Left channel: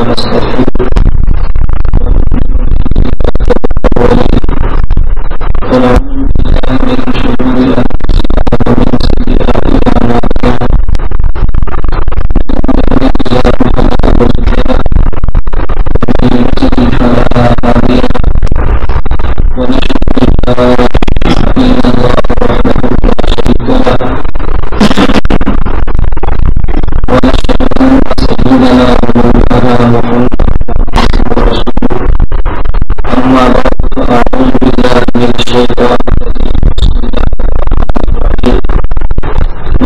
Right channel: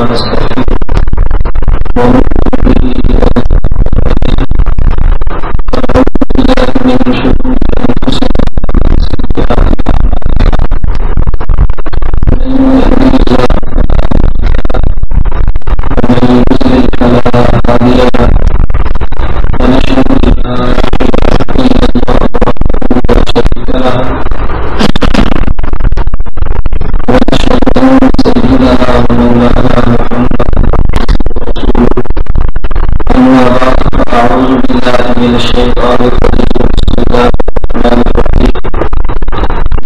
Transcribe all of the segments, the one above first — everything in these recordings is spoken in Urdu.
ونستغفره ونؤمن به ونتوكل عليه ونعوذ بالله من شرور أنفسنا ومن سيئات أعمالنا من يهده الله فلا مضل له ومن يضلل فلا هادي له ونشهد أن لا إله إلا الله وحده لا شريك له ونشهد أن سيدنا ومولانا محمدا عبده ورسوله أما بعد فأعوذ بالله من الشيطان الرجيم بسم الله الرحمن الرحيم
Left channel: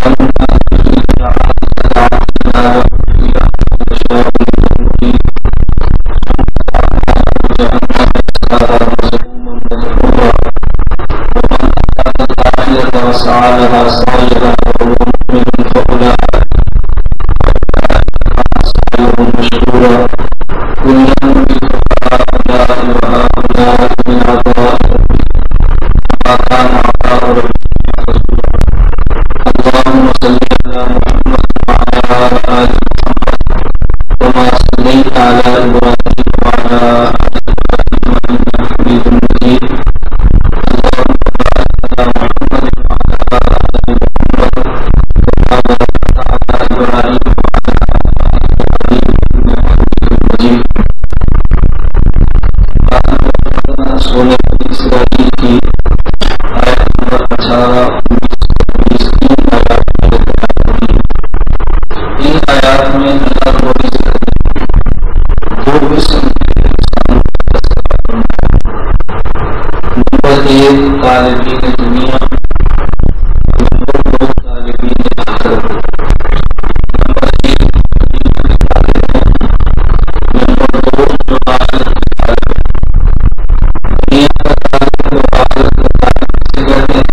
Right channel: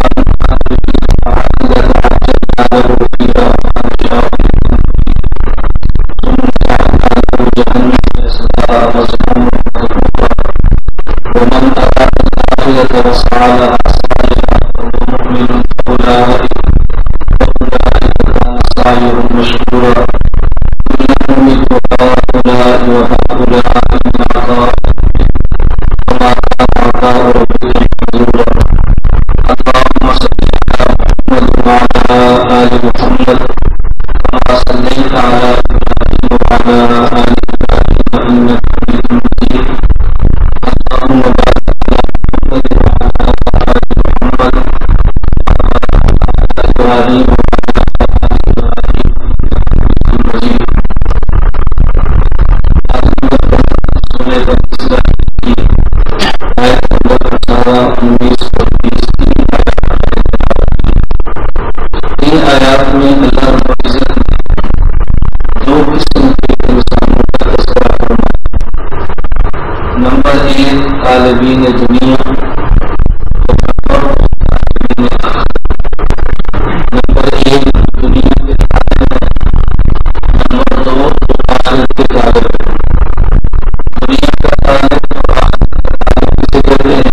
من كان يريد العاجلة عجلنا له فيها ما نشاء لمن نريد ثم جعلنا له جهنم يصلاها مذموما مدحورا ومن أراد الآخرة وسعى لها سعيها وهو مؤمن فأولئك كان سعيهم مشكورا كلا نمد هؤلاء وهؤلاء من عطاء ربك وما كان عطاء ربك محظورا اللهم صل على محمد وعلى آل محمد كما صليت على إبراهيم وعلى آل إبراهيم إنك حميد مجيد اللهم بارك على محمد وعلى آل محمد كما باركت على إبراهيم وعلى آل إبراهيم إنك حميد مجيد سورہ بنی اسرائیل کی آیت نمبر 18, 19 اور 20 تین آیات میں تلاوت کی. ان آیات میں اللہ رب العزت نے دو قسم کے انسانوں کا تذکرہ فرمایا. نمبر 1 طالبین دنیا اور نمبر 2 طالبین آخرت. نمبر 1 دنیا کے طالب ہیں, نمبر 2 جو آخرت کے طالب ہیں. دنیا کا طالب اور آخرت کا طالب کسے کہتے ہیں؟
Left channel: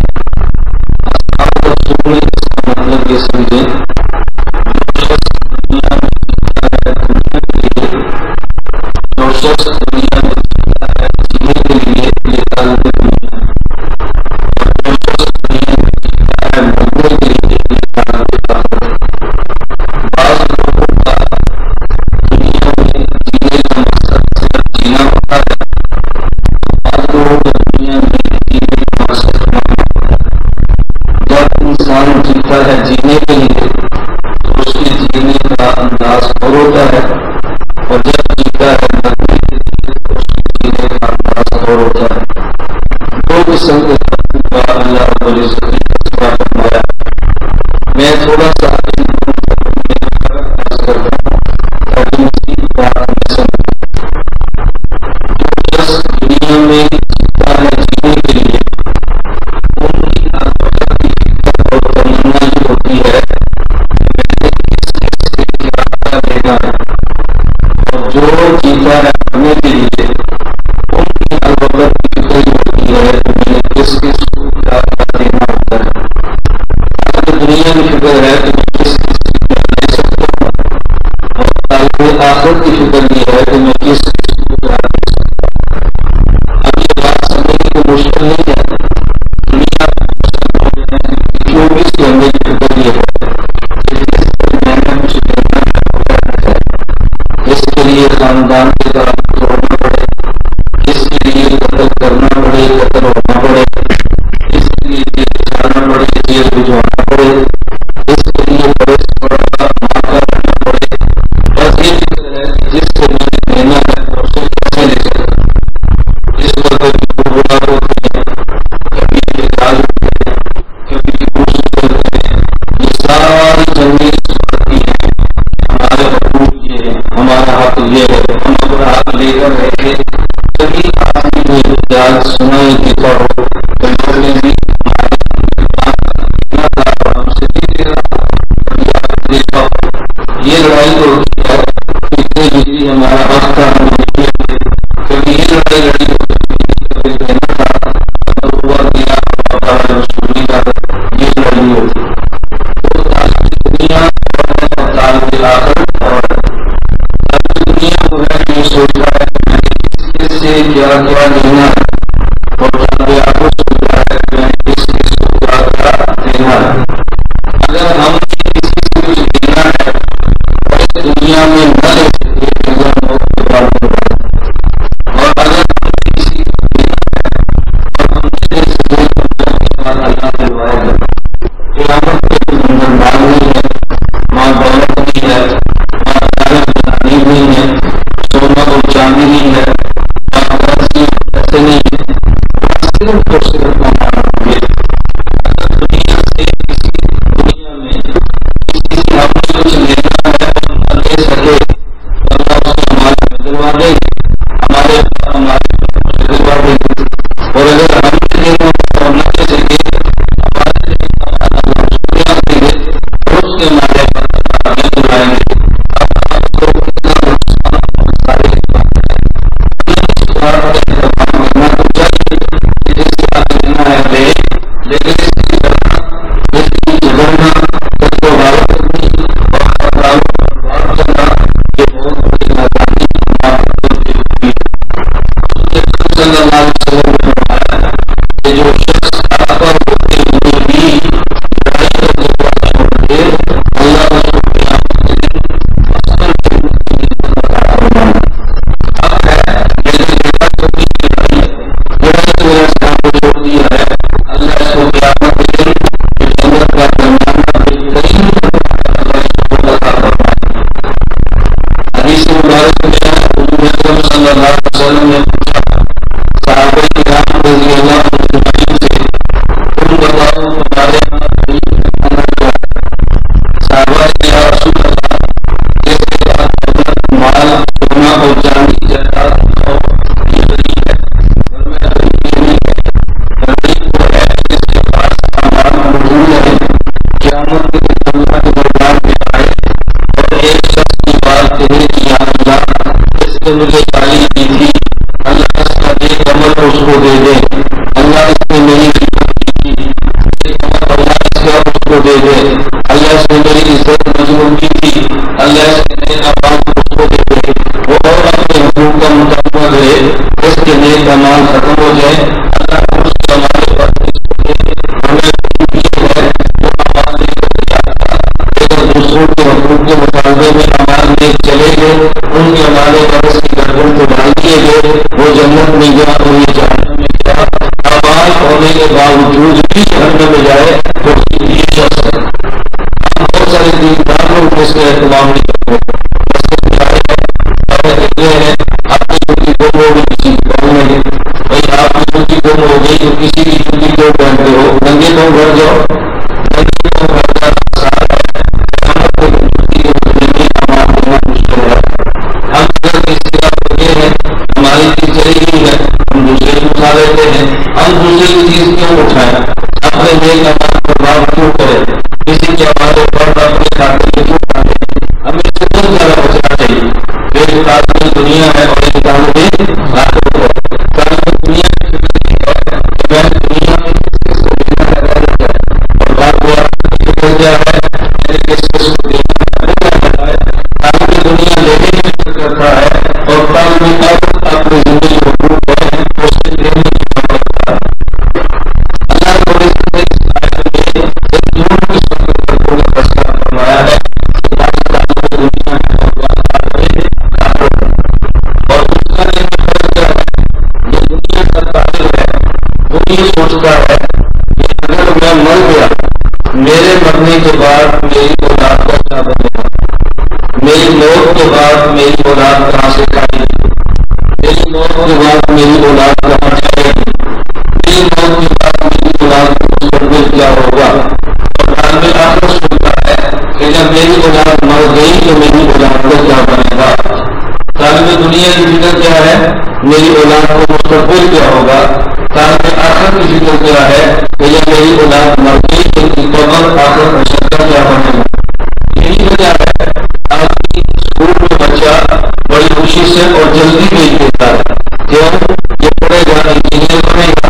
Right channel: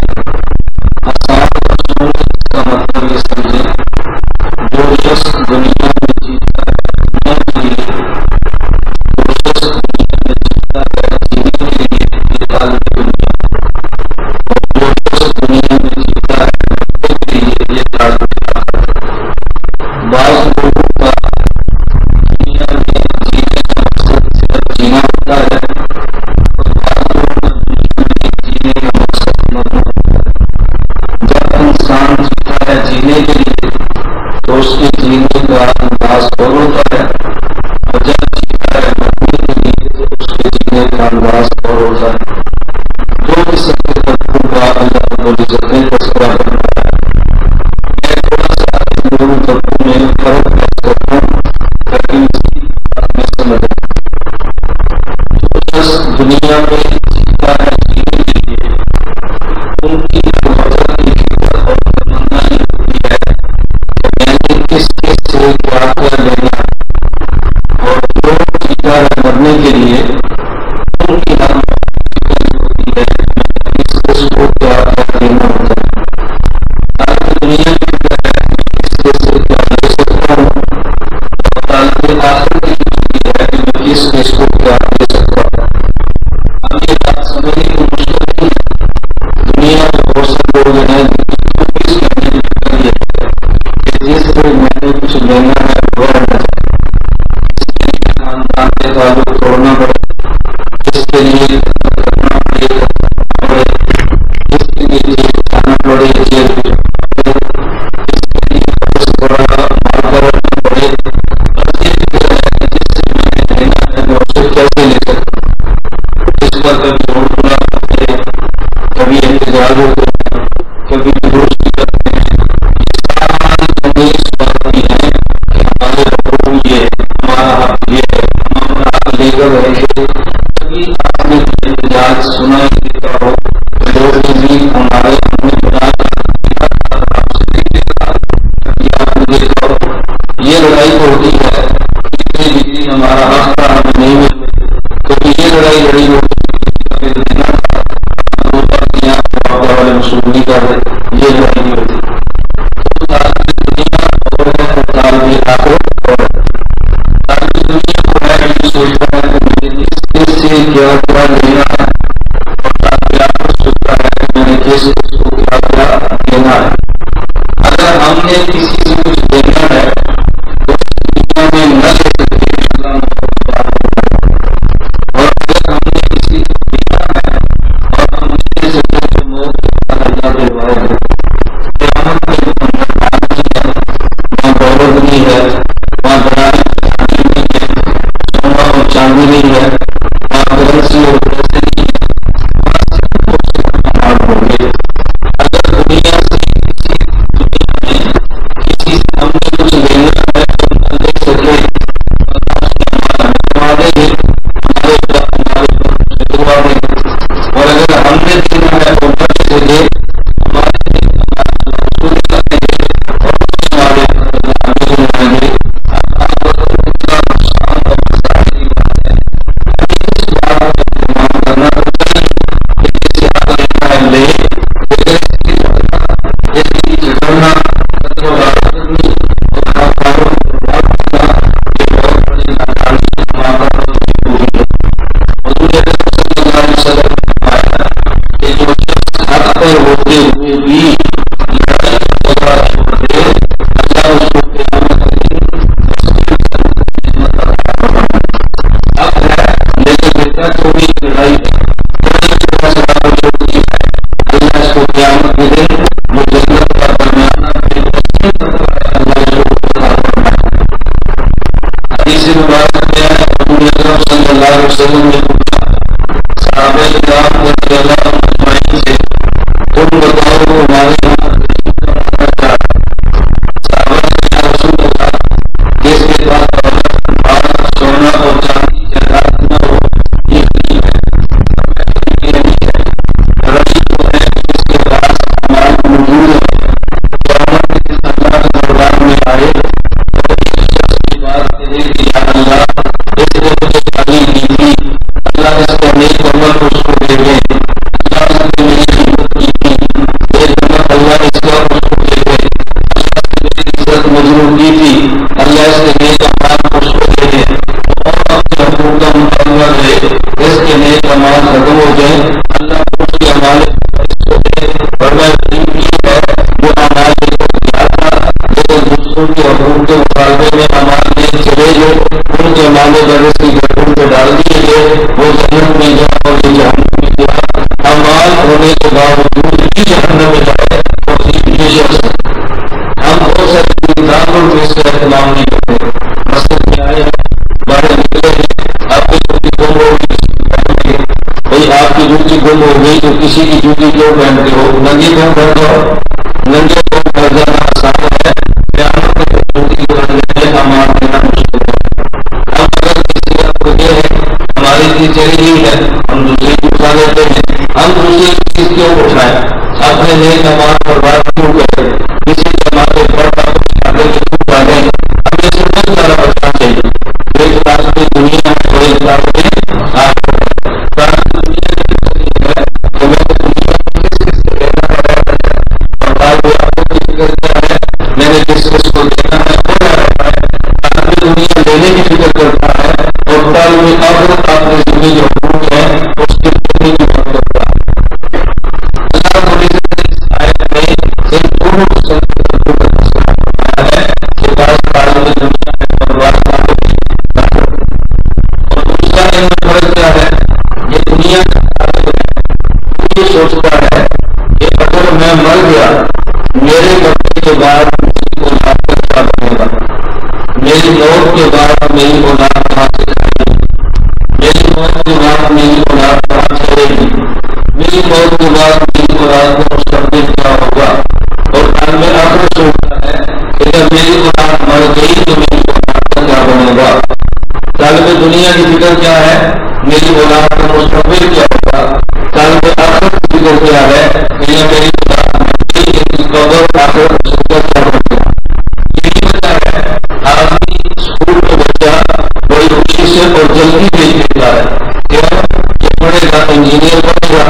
اصحاب رسول اس کا مطلب یہ سمجھیں جو شخص دنیا میں جیتا ہے دنیا کے لیے, جو شخص دنیا میں جیتا ہے جینے کے لیے یہ طالب دنیا ہے, اور جو شخص دنیا میں جیتا ہے مرنے کے لیے یہ طالب آخرت ہے. بعض لوگوں کا دنیا میں جینے کا مقصد صرف جینا ہوتا ہے, دنیا میں جینے کا مقصد مرنا ہوتا ہے. جب انسان جیتا ہے جینے کے لیے تو اس کے جینے کا انداز اور ہوتا ہے, اور جب جیتا ہے مرنے کے لیے تو اس کے جینے کا انداز اور ہوتا ہے. دو قسم کے طبقوں کا اللہ رب العزت نے تذکرہ فرمایا ہے. میں تھوڑا سا ان دونوں طبقوں میں فرق پیش کرتا ہوں تاکہ مزید بات میں سمجھ آئے. جو شخص دنیا میں جیتا ہے جینے کے لیے ان کی ہر وقت کی فکر اور تمنا یہ ہوتی ہے کہ میں نے کس کس سے کیا کیا لینا ہے, اور جو جیتا ہے مرنے کے لیے ان کی ہر وقت کی فکر یہ ہوتی ہے کہ میں نے کس کس کو کیا کیا دینا ہوتا ہے. طالب دنیا کی فکر ہے کہ میں کس کس سے کیا لے سکتا ہوں, اور طالب آخرت کی فکر یہ ہے کہ میں کس کس کو کیا دے سکتا ہوں. اب یہ بات سمجھنے کی مشکل نہیں ہے. دنیا میں بہت سے لوگ ہیں جن کی 24 گھنٹے کی فکر یہ ہے کہ جس سے میں نے کچھ لینا ہے وہ رہنا چاہیے. اس کے لیے خاندان کے تعلق توڑنا پڑے, اس کے لیے قتل کرنا پڑے, قتل ہونا پڑے, اس کے لیے جیل جانا پڑے, جیل بھجوانا پڑے, اس کے لیے بڑے سے بڑا مال کرنا پڑے. بس یہ فکر ہے کہ جس سے میں نے لینا ہے میں اسے کیسے لے سکتا ہوں. اس پر کبھی روڈ بلا ہوتے ہیں, کبھی احتجاج ہوتے ہیں, کبھی جلوس نکلتے ہیں. یہ ساری جنگیں اس بات کی ہیں کہ ہمارے حقوق یہ, ہمارا حق یہ ہے, ہم اپنا حق لے کر رہے تھے. کبھی آپ نے کوئی احتجاج سنا ہی دیتا ہو کہ لوگ نے بھی ہمارے اپنے خدا کا دینا تھا اور ہم سے نہیں دے رہا. کبھی آپ نے دیکھا ہو یہ لڑائی تو ہوتی ہے اتنے بجلی ہمارا حق تھا ہمیں نہیں ملتے. کبھی یہ لڑائی لڑی ہوتی دینا تھا روبر دیا والے مشہور نہیں کر رہے, یہ لڑائی ہوتی. تو طالب دنیا اور ہے اور طالب آخرت اور ہے. طالب دنیا کو ہے یہ سوچتا ہے کہ میں نے کس سے کیا کیا لینا ہے, اور طالب آخرت سوچتا ہے کہ میں نے کس کس کو کیا کیا دینا ہے. اگر ہم نے کسی سے کچھ دینا ہے تو اس دنیا میں نہ لے سکتے, اگر کرائے گا۔ قیامت میں تو اندر مال نہیں ہے، وہاں دولت نہیں ہے، وہاں دراہم دینار نہیں ہے، سونا اور چاندی نہیں ہے، وہاں کرنسی اور پیسے نہیں ہے، وہاں صرف اور صرف اعمال ہوں گے۔ اگر دنیا سے دنیا میں کسی سے ہم نے کچھ لینا ہے اور نہ لے سکے تو اللہ اس کے اعمال ہمیں دلوا دیں گے، ہمارے سے دلوا دیں گے۔ اور اگر ہم نے دینا ہے اور نہ لے سکے ہمارے اللہ اس کو دلا دیں گے اور اس کے ہمارے اللہ ہمیں دلوائیں گے۔ اب آپ کو کتنا نقصان اور خسارے کی بات ہے۔ ہمیں اس بات کا اہتمام کرنا تو چاہیے کہ جیسے حق لینا ہے لے، لیکن اس کی جھگڑنا، کچھ غارت کرنی اور خاکاروں پر بات کرنا یہ بہت بڑی ناکامی ہمارا اور بےوقوفی ہے۔ حضور اکرم صلی اللہ علیہ وسلم نے فرمایا کہ جو شخص حق پر ہوتے ہوئے بھی لڑائی اور جھگڑا چھوڑ دے اللہ اس کو قیامت کے دن مسلم جنت کی نعمت عطا فرمائے۔ حق ہے لیکن بیٹا جو بھی لڑائی کی وجہ سے حق کو چھوڑ دیا ہے اللہ اس کو قیامت کے دن جو جنت کا درمیانہ بہترین مرتبہ ہے اللہ اس کو عطا فرمائے۔ حدیث مبارک میں ہے حضور اکرم صلی اللہ علیہ وسلم نے پوچھا صحابہ کرام رضی اللہ عنہم اجمعین سے، تم بتاؤ تمہارے یہاں غریب کا مانا کیا ہے؟ صحابہ نے یا رسول اللہ جس کے پاس دولت، مال، سونا اور چاندی جائیداد نہ ہو یہ غریب ہے۔ فرمایا غریب یہ نہیں ہے، غریب وہ ہے جس کے پاس اعمال موجود ہیں، قیامت کے دن اللہ کے دربار میں آئے اور ایک شخص کی بات کہے کہ یا اللہ اس نے مجھے گالی دی تھی، اللہ اس کا نیک عمل اس کو دے دے، اللہ اس نے میری خدمت کی تھی، نیک عمل اللہ اس کا اس کو دے دے، اللہ اس نے میری عزت مظلوم کی تھی، اللہ اس کے نیک اعمال اس کو دے دے، وہ اور اپنے حقوق کا مطالبہ رہے، اس کے نیک اعمال ختم ہو جائیں، اللہ اس کے اعمال پر اس کو دے۔ ورنہ غریب یہ ہے جو اعمال لے کر تیار تھا لیکن دوسروں کے حقوق کے مطالبے میں اعمال لے چلے گئے، ان کے اعمال پر اس کی گردن پہ ڈال دیے گئے، وہ جنت میں گیا اور یہ جہنم میں گیا۔ اعمال ہونے کے باوجود بھی جہنم میں جائے تو یہ شخص ہے۔ ہم بہت سارے دیندار لوگ اس کا اہتمام نہیں کرتے، مسجد میں آئے ہیں، باہر نکلے ہیں، آپ کی جوتی گم ہو گئی کسی کی پہننے گئے، بھائی آپ کی جوتی گم ہو گئی تو کسی کی جوتی کیوں پہنتے ہو؟ ننگے کیوں گھر جاؤ؟ ننگے کیوں گھر جانا آسان ہے، قیامت میں جوتی کے بدلے میں اعمال دینا مشکل ہے۔ ہم اگر کسی کا پڑھے ہیں ہماری چیز چلی گئی ہے ہم دوسرے کو اٹھا لیتے ہیں، ہم دوسرے کی چیز کیوں اٹھائیں؟ اپنے نیک اعمال پر بات کیوں کریں؟ کسی کے ہمارے فرد اپنے کھاتے میں کیوں ڈالیں؟ ہمیں سے بہت زیادہ بچنا چاہیے۔ ایک طالب دنیا ہے اور ایک طالب آخرت ہے۔ طالب دنیا کی فکر یہ ہے کہ میں نے دنیا میں کس کس کو لینا ہے رہنا ہے، اور طالب آخرت کی فکر کیا ہے میں نے کس کس کو دینا ہے وہ رہنا ہے۔ طالب دنیا لینے کی فکر کرتا ہے اور طالب آخرت اپنے زندگی جو حقوق ہے اس کے دینے کی فکر کرتا ہے۔ اللہ رب العزت نے اس آیت میں ان دونوں قسم کے فرقوں کا تذکرہ فرمایا ہے کہ بعض طالب دنیا ہے اور بعض طالب آخرت ہے۔ اور دوسرا ان میں فرق کیا ہے؟ یہ دنیا کا طالب ہے وہ یہ سوچتا ہے کہ اگر میں مر گیا میرے مرنے کے بعد میری اولاد کا کیا بنے گا، میری موت کے بعد میری اولاد کہاں سے کھائے گی، میری موت کے بعد میری اولاد کہاں چلے گی، میری موت کے بعد میری اولاد کا مستقبل کیا ہوگا۔ اور طالب آخرت سوچتا ہے کہ جب میری اولاد مر گئی تو میری اولاد کا کیا بنے گا۔ طالب دنیا کی فکر کیا ہے؟ میری اولاد کا مستقبل کیا ہوگا۔ طالب آخرت کی فکر کیا ہے کہ یہ میری اولاد مر گئی ان کی قبر آخرت میں شکل کیا بنے گا۔ یہی وجہ ہے آدمی اسکول میں بچہ بڑی خوشی سے اور جلدی بھیج دیتا ہے، کیوں؟ یہ پڑھے گا انجینئر بنے گا،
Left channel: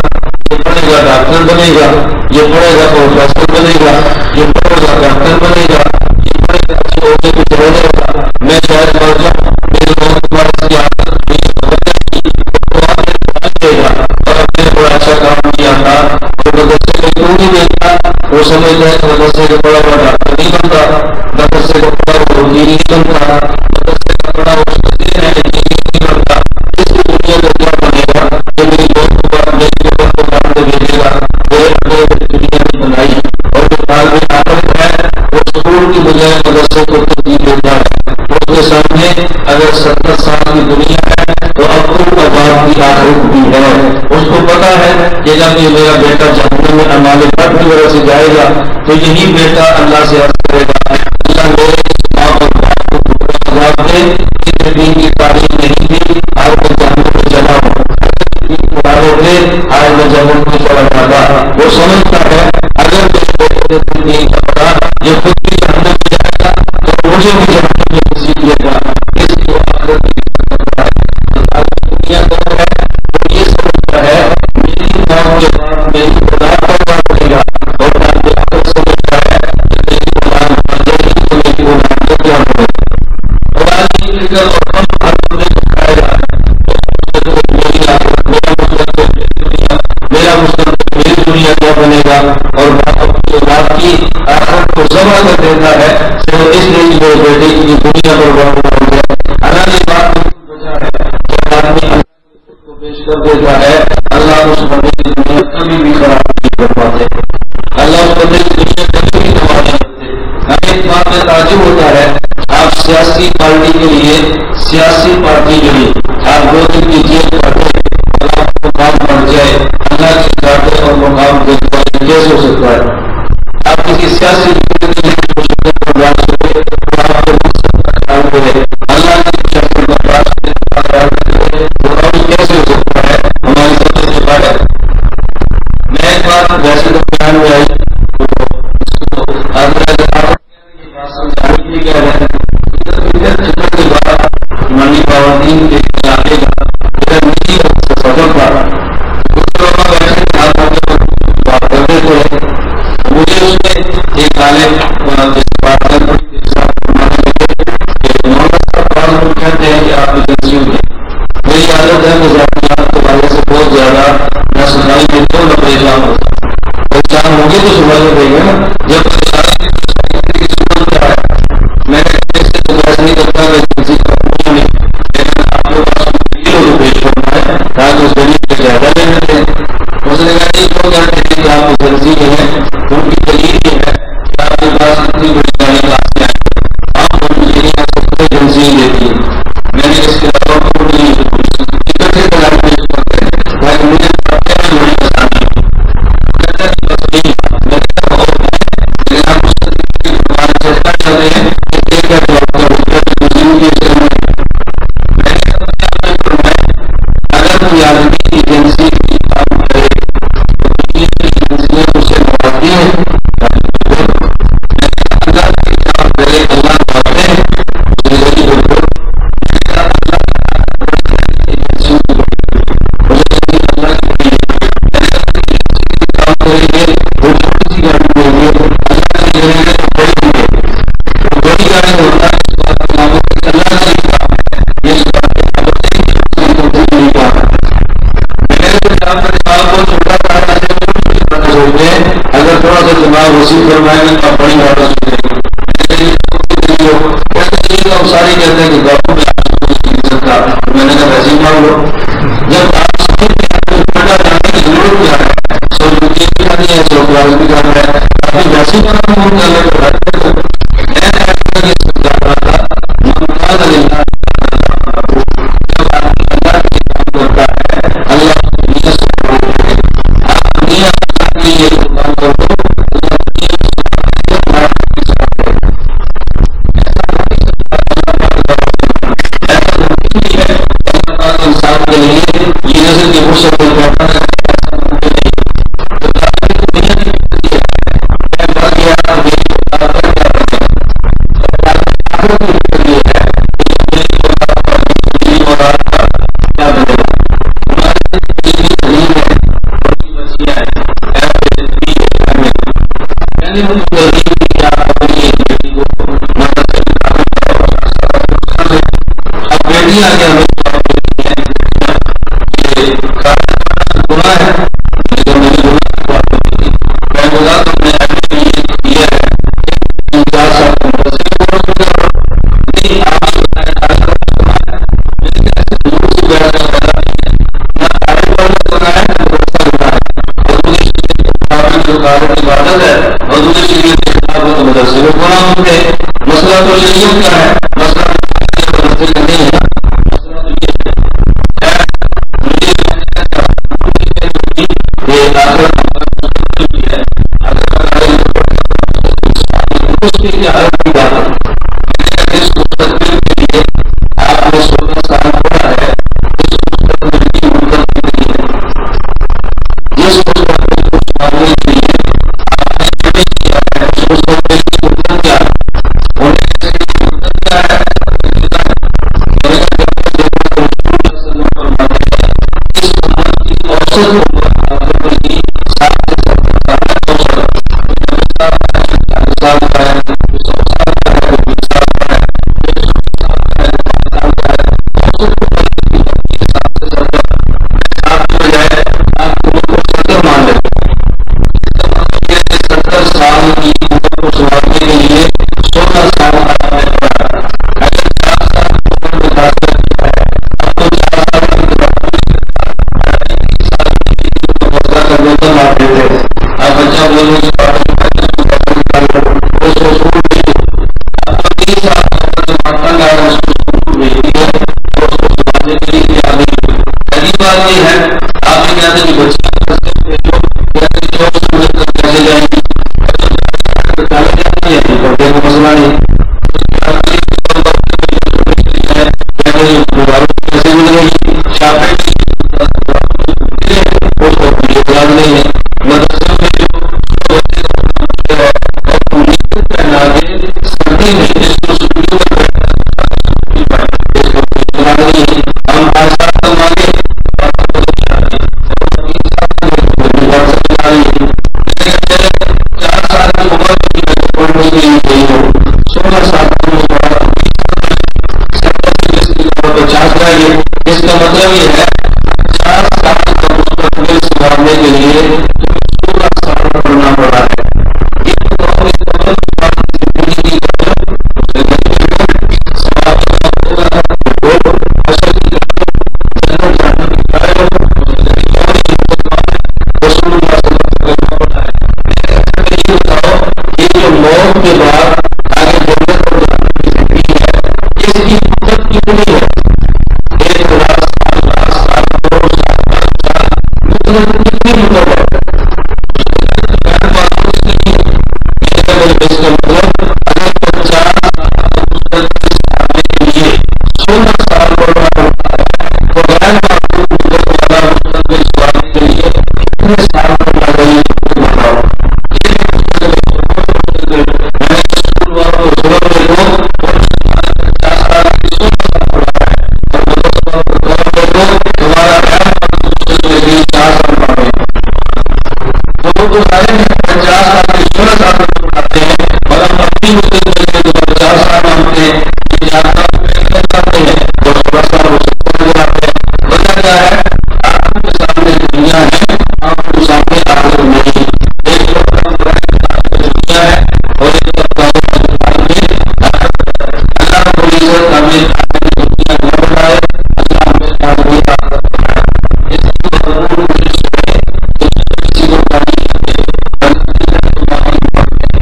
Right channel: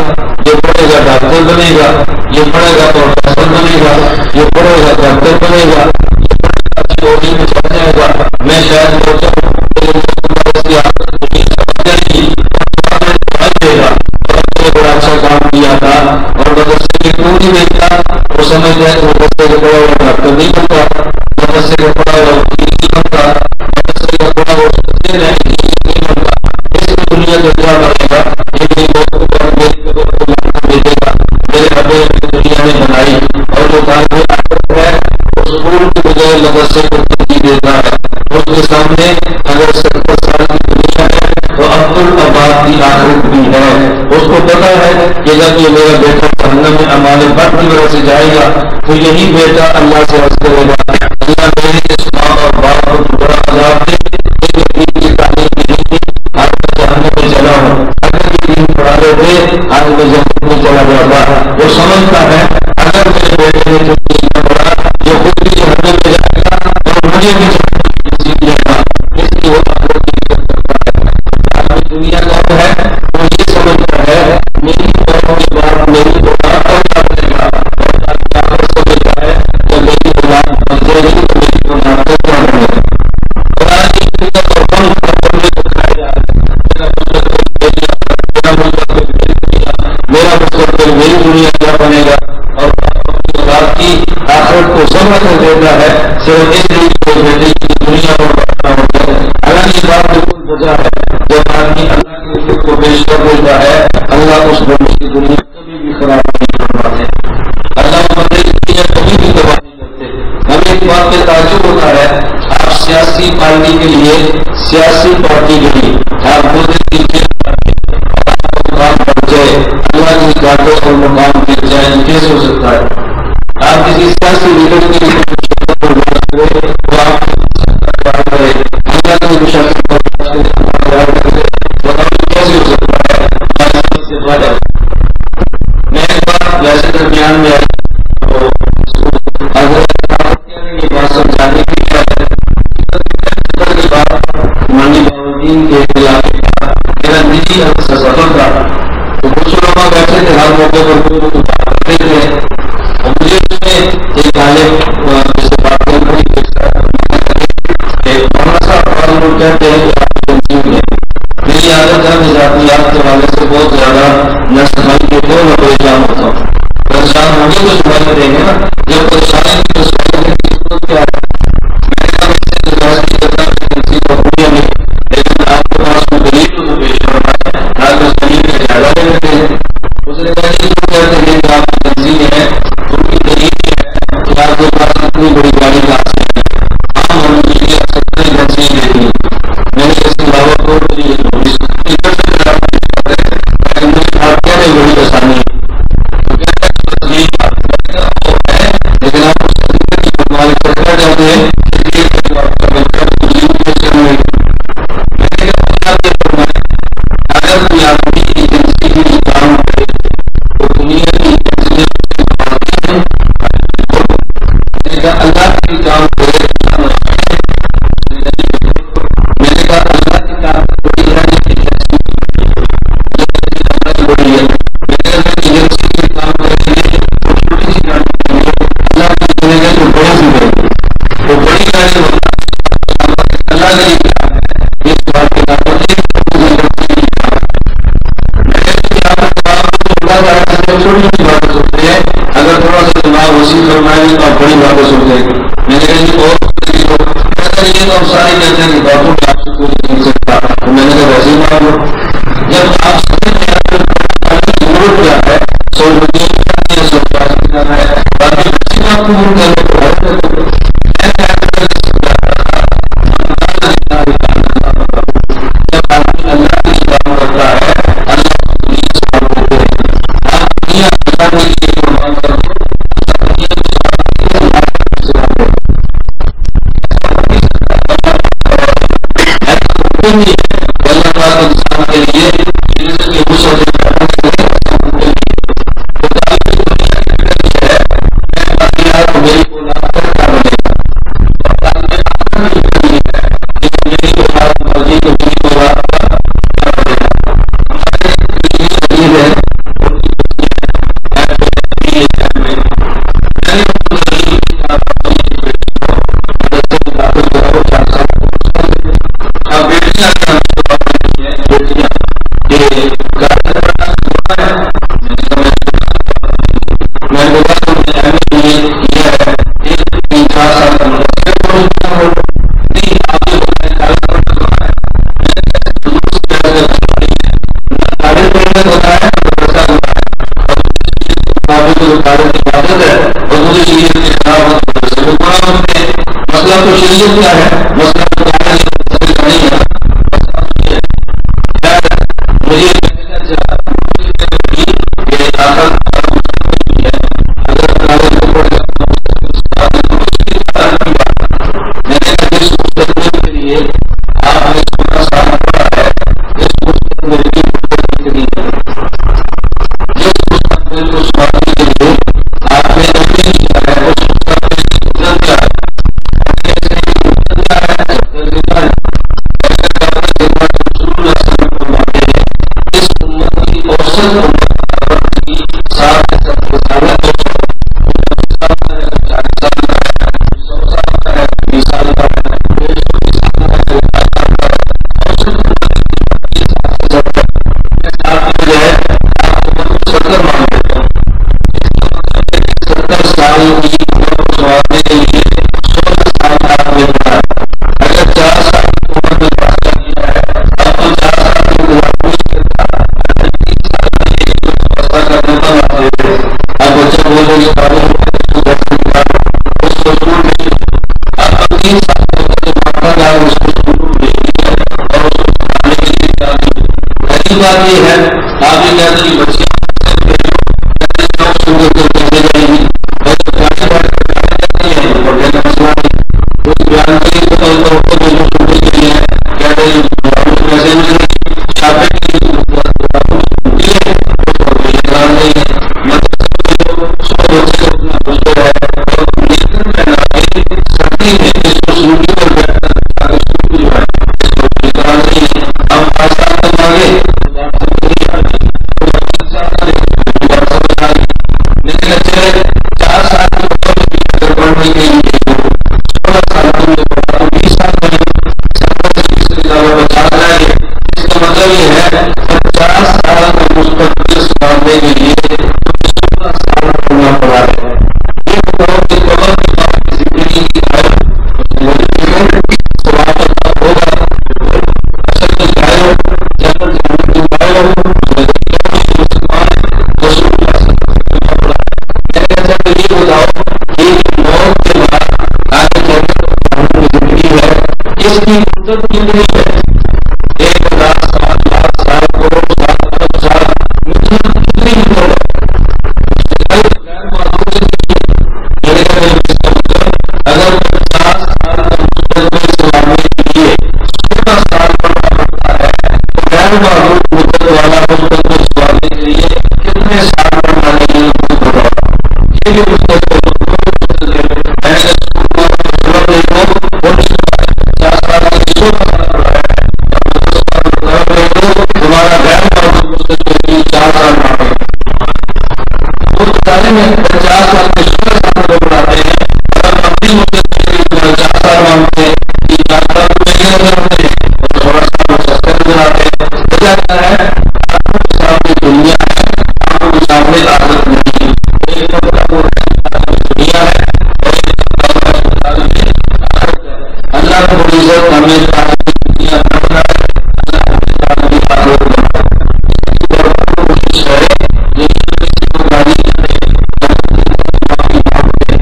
یہ پڑھے گا ڈاکٹر بنے گا، یہ پڑھے گا پروفیسر بنے گا، یہ پڑھے گا ڈاکٹر بنے گا، یہ پڑھے گا اچھے عہدے پہ چڑھ جائے گا، میں شاید مر جاؤں میرے موت کے بعد اس کی عادت دنیا سمجھ جائے گی اور دعائیں دے گا اور اپنے بڑا اچھا کام کیا تھا اور مدرسے میں کیوں نہیں بیٹھتا، وہ سمجھ جائے کہ مدرسے کا پڑھا ہوا ڈاکٹر نہیں بنتا، مدرسے کا پڑھا ہوا وکیل نہیں بنتا، مدرسے کا پڑھا ہوا استاد نہیں بنتا۔ اس کی دنیا کا کیا بنے گا؟ یہ میری موت کے بعد میرے اوپر کو لاتے بھیجے گا، میرے دنیا نے بنائی، اور جو طالب آخرت ہے وہ اسکول کی بجائے مدرسے کو ترجیح دیتا ہے. اس کے سامنے اگر 70 سال کی دنیا ہے تو عبدالآباد کی آخرت بھی ہے. اس کو پتا ہے کہ جب یہ میرا بیٹا جہنم میں اعمال بد کی وجہ سے جائے گا تو یہی بیٹا اللہ سے عرض کرے گا اللہ میرے اس ماں اور باپ کو دوبارہ عذاب دے، میرے دین کی تعلیم نہیں دی، آج میں جہنم میں چلا ہوں. اگر یہ دین پڑھا رہے آج میں جہنم میں چلا جاتا. وہ سمجھتا ہے اگر میرے بیٹے نے جو دین کا پڑھا یہ خود بھی جہنم میں جائے گا اور مجھے بھی جہنم میں گھسیٹ لے گا، اس لیے وہ آخرت کی فکر کرتا ہے. عالمی دنیا کون ہے؟ وہ یہ سمجھتا ہے میری موت کے بعد میری اولاد پر کیا بنے گا، اور عالمی آخرت سمجھتا ہے جب میری اولاد بن جائے گی تو میری اولاد کا کیا بنے گا. اور عالمی فکر اور غم ہر بندے کو کھایا جا رہا ہے. میرا مستقبل میری آخرت، میرا مستقبل میری دنیا، میرا مستقبل میری دنیا کیا بنے گا. اور باپ اپنی اولاد کی آخرت کو ذبح کر دیتا ہے صرف اس لیے کہ وہ بیٹے کی دنیا پر بڑھنا ہو جائے. حالانکہ یہ بات بالکل وجہ ہے. جب آدمی اللہ کی عزت کو پیش کر دیتا ہے اللہ اس بندے کی دنیا کبھی بھی خراب نہیں کر پاتے، اللہ اس بندے کی دنیا کبھی بھی تباہ نہیں کرتے. ہمیں ایک بات پہ تعجب ہوتا ہے، آپ سیاسی پارٹی کے لیے آپ 2 دن کی جیل کاٹے اور آپ کو مقام بڑھ جائے، اللہ کی کاٹے اور مقام گر جائے، کیسے ہو سکتا ہے؟ آپ کسی سیاسی لیڈر کی مشقت برداشت کرے تو آپ کے مقصد کا خیال کرے، اللہ کی مشقت برداشت کرے تو خیال کرے، بتاؤ کیسے ہو سکتا ہے؟ ہماری سمجھ سے باہر. میں ایک بات ویسے درمیان میں آئی تو اس کو حضرت یہ بات سمجھانی تھی کہ فکر کی بات منڈی باؤدین کے علاقے کا میرا نجی سفر تھا. تو کچھ علماء بیٹھے تھے ہر موقع پر بات کرتے تھے. مجھے اس میں ایک عالم جیسے بات کر رہی ایک ساتھ کہ مولانا صاحب بعض لوگ کہتے ہیں کہ آپ ایجنسی ہوئی ہے. میری عادت ہے میں ذاتیات کے حوالے سے بہت زیادہ نہ سنائی دیتے ہوں نہ پریشان ہوتا ہوں. پریشان ہوں گے تو سنائی دیں گے نا، جب پریشانی کی تو سنائی کی صورت کیا ہے. میں نے کہا میں اس سے تو بحث نہیں کرتا میں ایجنسی کو اپنی نہیں، لیکن آپ کے پاس کوئی دلیل ہو تو پیش فرمائے تاکہ اس دلیل کا زیادہ لے لیتے ہیں. اس نے کہا نہیں جو کہتے ہیں کہ آپ ایجنسی میں ہیں ان کی دلیل یہ ہے کہ آپ کے پاس اتنی بڑی گاڑی کہاں سے آئی ہے، عام منزلیں 70 ایجنسی دیتی ہے. میں نے اس کے علاوہ کوئی ٹکٹ سے جناب پیش کرتے ہیں تاکہ مجھے بھارتیہ میں بڑی آسانی ہے. تو کہتا ہے بس یہی بات. میں نے کہا وہ ہے لیکن آپ اس طریقے کی فرمان چرچا چاہتے ہیں اس لیے کیا جو آپ کا بہتر تجربہ پیش کرنا ہے. میں نے کہا مجھے آپ یہ فرمائیں اگر کوئی آدمی ایجنسی کی کام کرے تو دنیا کی ایجنسیاں اسے نوازتی ہیں. میں نے کہا اللہ کی کام کرے اللہ نوازتے ہیں. اس نے کہا بالکل. میں نے کہا اللہ کی کام بڑی ہے ایجنسی کی بڑی ہے. مجھے اللہ کی بڑی ہے. میں نے کہا ایجنسی کی کام کریں گے وہ چھوٹی سی گاڑی دیں گے، اللہ کی جگہ ہے تو بڑی سی دیں گے. وہ بڑی گاڑی ہوتا ہے اس بات کے نام اللہ کا ہی کام ہے، اس بات کے نام پر نہیں کام ہے. میں نے تو یہاں پر دماغ کو چھوٹا تھا جیسے چھوٹی چھوٹی باتیں سوچتے ہیں، اگر تھوڑا سا دماغ وسیع فرمائیں گے تو آپ بڑی باتیں سوچیں گے. میں نے کہا یہ اور کتنی ہو کہتا یہ تو ہم سارے کہتے ہیں کہ باپو میں آپ سے کوئی نہیں سکتا. تو میں نے کہا ویسے ہی مان لو. جب آپ سمجھتے ہیں تو پڑھنا جانے کی ضرورت کیا ہے، سو روپیے بھی کرنی ہے، 100 کلاس بھی کرنا ہے، باقی ویسی بات کو مول کرنے کو بات کرتے ہیں. میں یہ سمجھا رہا تھا جب آدمی اللہ کے لیے کام کرتا ہے اللہ دنیا سے بولتے ہیں. آپ دنیا اللہ کے لیے قربان کر دو، اللہ دنیا کو سناتے ہیں، اللہ کے سناتے ہیں. ایسا ہو نہیں سکتا. ایسا ممکن نہیں ہے کہ اللہ پاک انسان کے لیے یہ نظر کے غصہ دل بیٹھا نہ کرے. ایسا ممکن نہیں ہے. تو تاریخ دنیا کی فکر یہ ہے میں باقی آپ میری اولاد پر کیا بنے گا، اور تاریخ آخرت میں فکر یہ ہے کہ میری اولاد مرضی تو میری اولاد کا کیا بنے گا. ہمارے قریبی عزیز ہیں ان کی بچیاں ہیں میں نے ان کو ترغیب دی کہ آپ اپنی ایک بیٹی کو مدرسے میں داخل کراؤ 4 سال تک اس کا لے. اب بیٹیاں آگے ہمیں جواب دیتی ہیں بیٹیاں کہ کالج پڑھنا گناہ ہے. میں نے کہا میں نے گناہ کی بات نہیں کی. میں بولا تم نے ایم اے کیا ہے 3-4 سال کا مدرسے میں پڑھو نہیں آپ یہ بتائیں کالج پڑھنا گناہ ہے. میں نے کہا ایسے ضرور سے بیٹھ کر پیدا نہیں ہے، نہ کالج پڑھنا گناہ ہے نہ مدرسہ گناہ ہے. اور مجھے اس کے مقابل سفارت کی عبادت ہے اور دوسری شریعت کے خلاف ہو تو مدرسے میں قرآن ہوتے ہیں. مسئلہ تو شریعت کا ہے, مسئلہ تو مدرسے کا نہیں ہے. مسئلہ تو یہ ہے. مجھے کہنا چاہیے کہ آخر مستقبل بھی ہے. اگر کالج میں پڑھ جاتا مستقبل تو اس کی حالت کی بات ہے. میں نے کہا جس مستقبل کے لیے آپ نے 16 سال پڑھا ہے, اس مستقبل کی مدت کتنی ہے؟ جس مستقبل کو سنبھالنے کے لیے آپ نے ایم اے کیا ہے, اس مستقبل کی مدت کیا ہے؟ ہونے کی مدت کیا ہے؟ رسول اللہ صلی اللہ علیہ وسلم فرماتے ہیں اس امت کی اوسط عمر آبادی کی 60 سے 70 سال ہے. 40 سال کا ہے, 100 سال کا ہے, 20 سال کا ہے, 120 سال کا ہے, 5 سال کا ہے. اوسط عمر کی 60 سے 70. میں 60 کی بجائے آپ عمر کو 70 مان لیتا ہوں. اس کا مطلب یہ کہ 70 سال کی عمر کو سنوارنے کے لیے 16 سال آپ نے پڑھا ہے. اگر 4 سال کی عمر میں داخلہ کیا ہے, اب تو 4 سال کی انتظار پوری کرتا, 3 سال کے لیے فیصلہ کرنے پر آتے تھے. اب بچہ بولے کہ پاگل اس کو پیسے نکالو, اس کو اسکول بھیج دو. اب تو 3 سال کا ہوتا تو مانتا گا اس کو اسکول بھیج دیا اور اس کو سنبھالنے کے لیے کیا نہیں. پہلی بات یہ ہے آپ یہ کہتے ہیں کہ بچیاں بھیجو, کہتے ہیں جو سورج تک کیسے جائیں گی, اور جب گاڑی بیٹھ کر ڈالے جاتی ہے تو پڑھنے کا مسئلہ نہیں. اس بیان کے لیے تو ڈاکٹر بھیجو سننے کے لیے ہے, کہتے ہیں دوبارہ کیسے ملے گی, شاپنگ کے لیے ملتی ہے, اس کو کوئی اطلاع نہیں ہے. مدرسے میں جو صبح بچے کو اپنا مشکل ہے اور نیتر پہنا کے سردی میں اس کو سننے پر بیٹھنا تاکہ سکول پائے, اس کو کوئی اطلاع نہیں ہے. ہم 5 سال تک مانگے تو بات سمجھ نہیں آتی, اور 3 سال تک بھی بات سمجھ آ رہی ہے. لیکن چلے 4 سال کی عمر بھی اگر پڑھنے کے لیے گئی ہو, 16 سال کی عمر پڑھا تو 20 سال میں 70 سے 20 کے علاوہ 50 رہ گئے. اس کا مطلب یہ ہے 50 سال کا مستقبل سنبھالنے کے لیے تمہیں 16 سال پڑھنا پڑا ہے. یہ بتاؤ کہ قبر کی بات کی زندگی کی قائل اس نے بڑی سوال کا ہوگا تو اصل کی قائل جنت جاننے کی قائل اس نے بڑی کیوں نہیں مسلمان ہے, رسول اللہ صلی اللہ علیہ وسلم پڑھا ہے. میں نے کہا کہ یہ بتاؤ کہ جو موت کے بعد آگے جنت اور جہنم کی زندگی ہے اس کی مدت کتنی ہے؟ 1,00,000 سال, لاکھ سال, کروڑ سال, ارب سال, مطلب کتنی مدت ہے؟ میرے کہا اس کا مطلب اگر 50 سال کا مستقبل سنبھالنے کے لیے 16 سال پڑھنا پڑتا ہے تو غیر معلوم مدت والا مستقبل سنبھالنے کے لیے کتنے سال پڑھنا چاہیے تو بتاؤ. یہ بھی مستقبل میں نے اسکول والوں کو ضرورت دیکھو ان سے 50 سال کی 16 سال پڑھایا ہے, اور مدرسہ والوں کو ضرورت دیکھو تمہارا غیر معلوم مستقبل کے لیے 4 سال پڑھے. وہ تو ظاہر ہے 50 سال کے 16 سال کو پڑھاتے ہیں, اور ہم اپنی مدت کے لیے تمہارے 4 سال مانگتے ہیں. یہ 4 سال کو مہنگے نظر آتے ہیں اور 16 سال وہ سستے نظر آتے ہیں. وجہ کیا ہے؟ آنکھوں کے سامنے دنیا ہے, آنکھوں کے سامنے آخرت نہیں. ایک طبقہ وہ ہے دنیا ہے اور ایک طبقہ وہ ہے آخرت ہے. اللہ رب العزت ہمیں آخرت کی دنیا نہ بنائے, اللہ ہمیں تعلیم آخرت بنائے. اس کی بھرپور کوشش کرے. کسی کو گالی کرے, معافی مانگتے,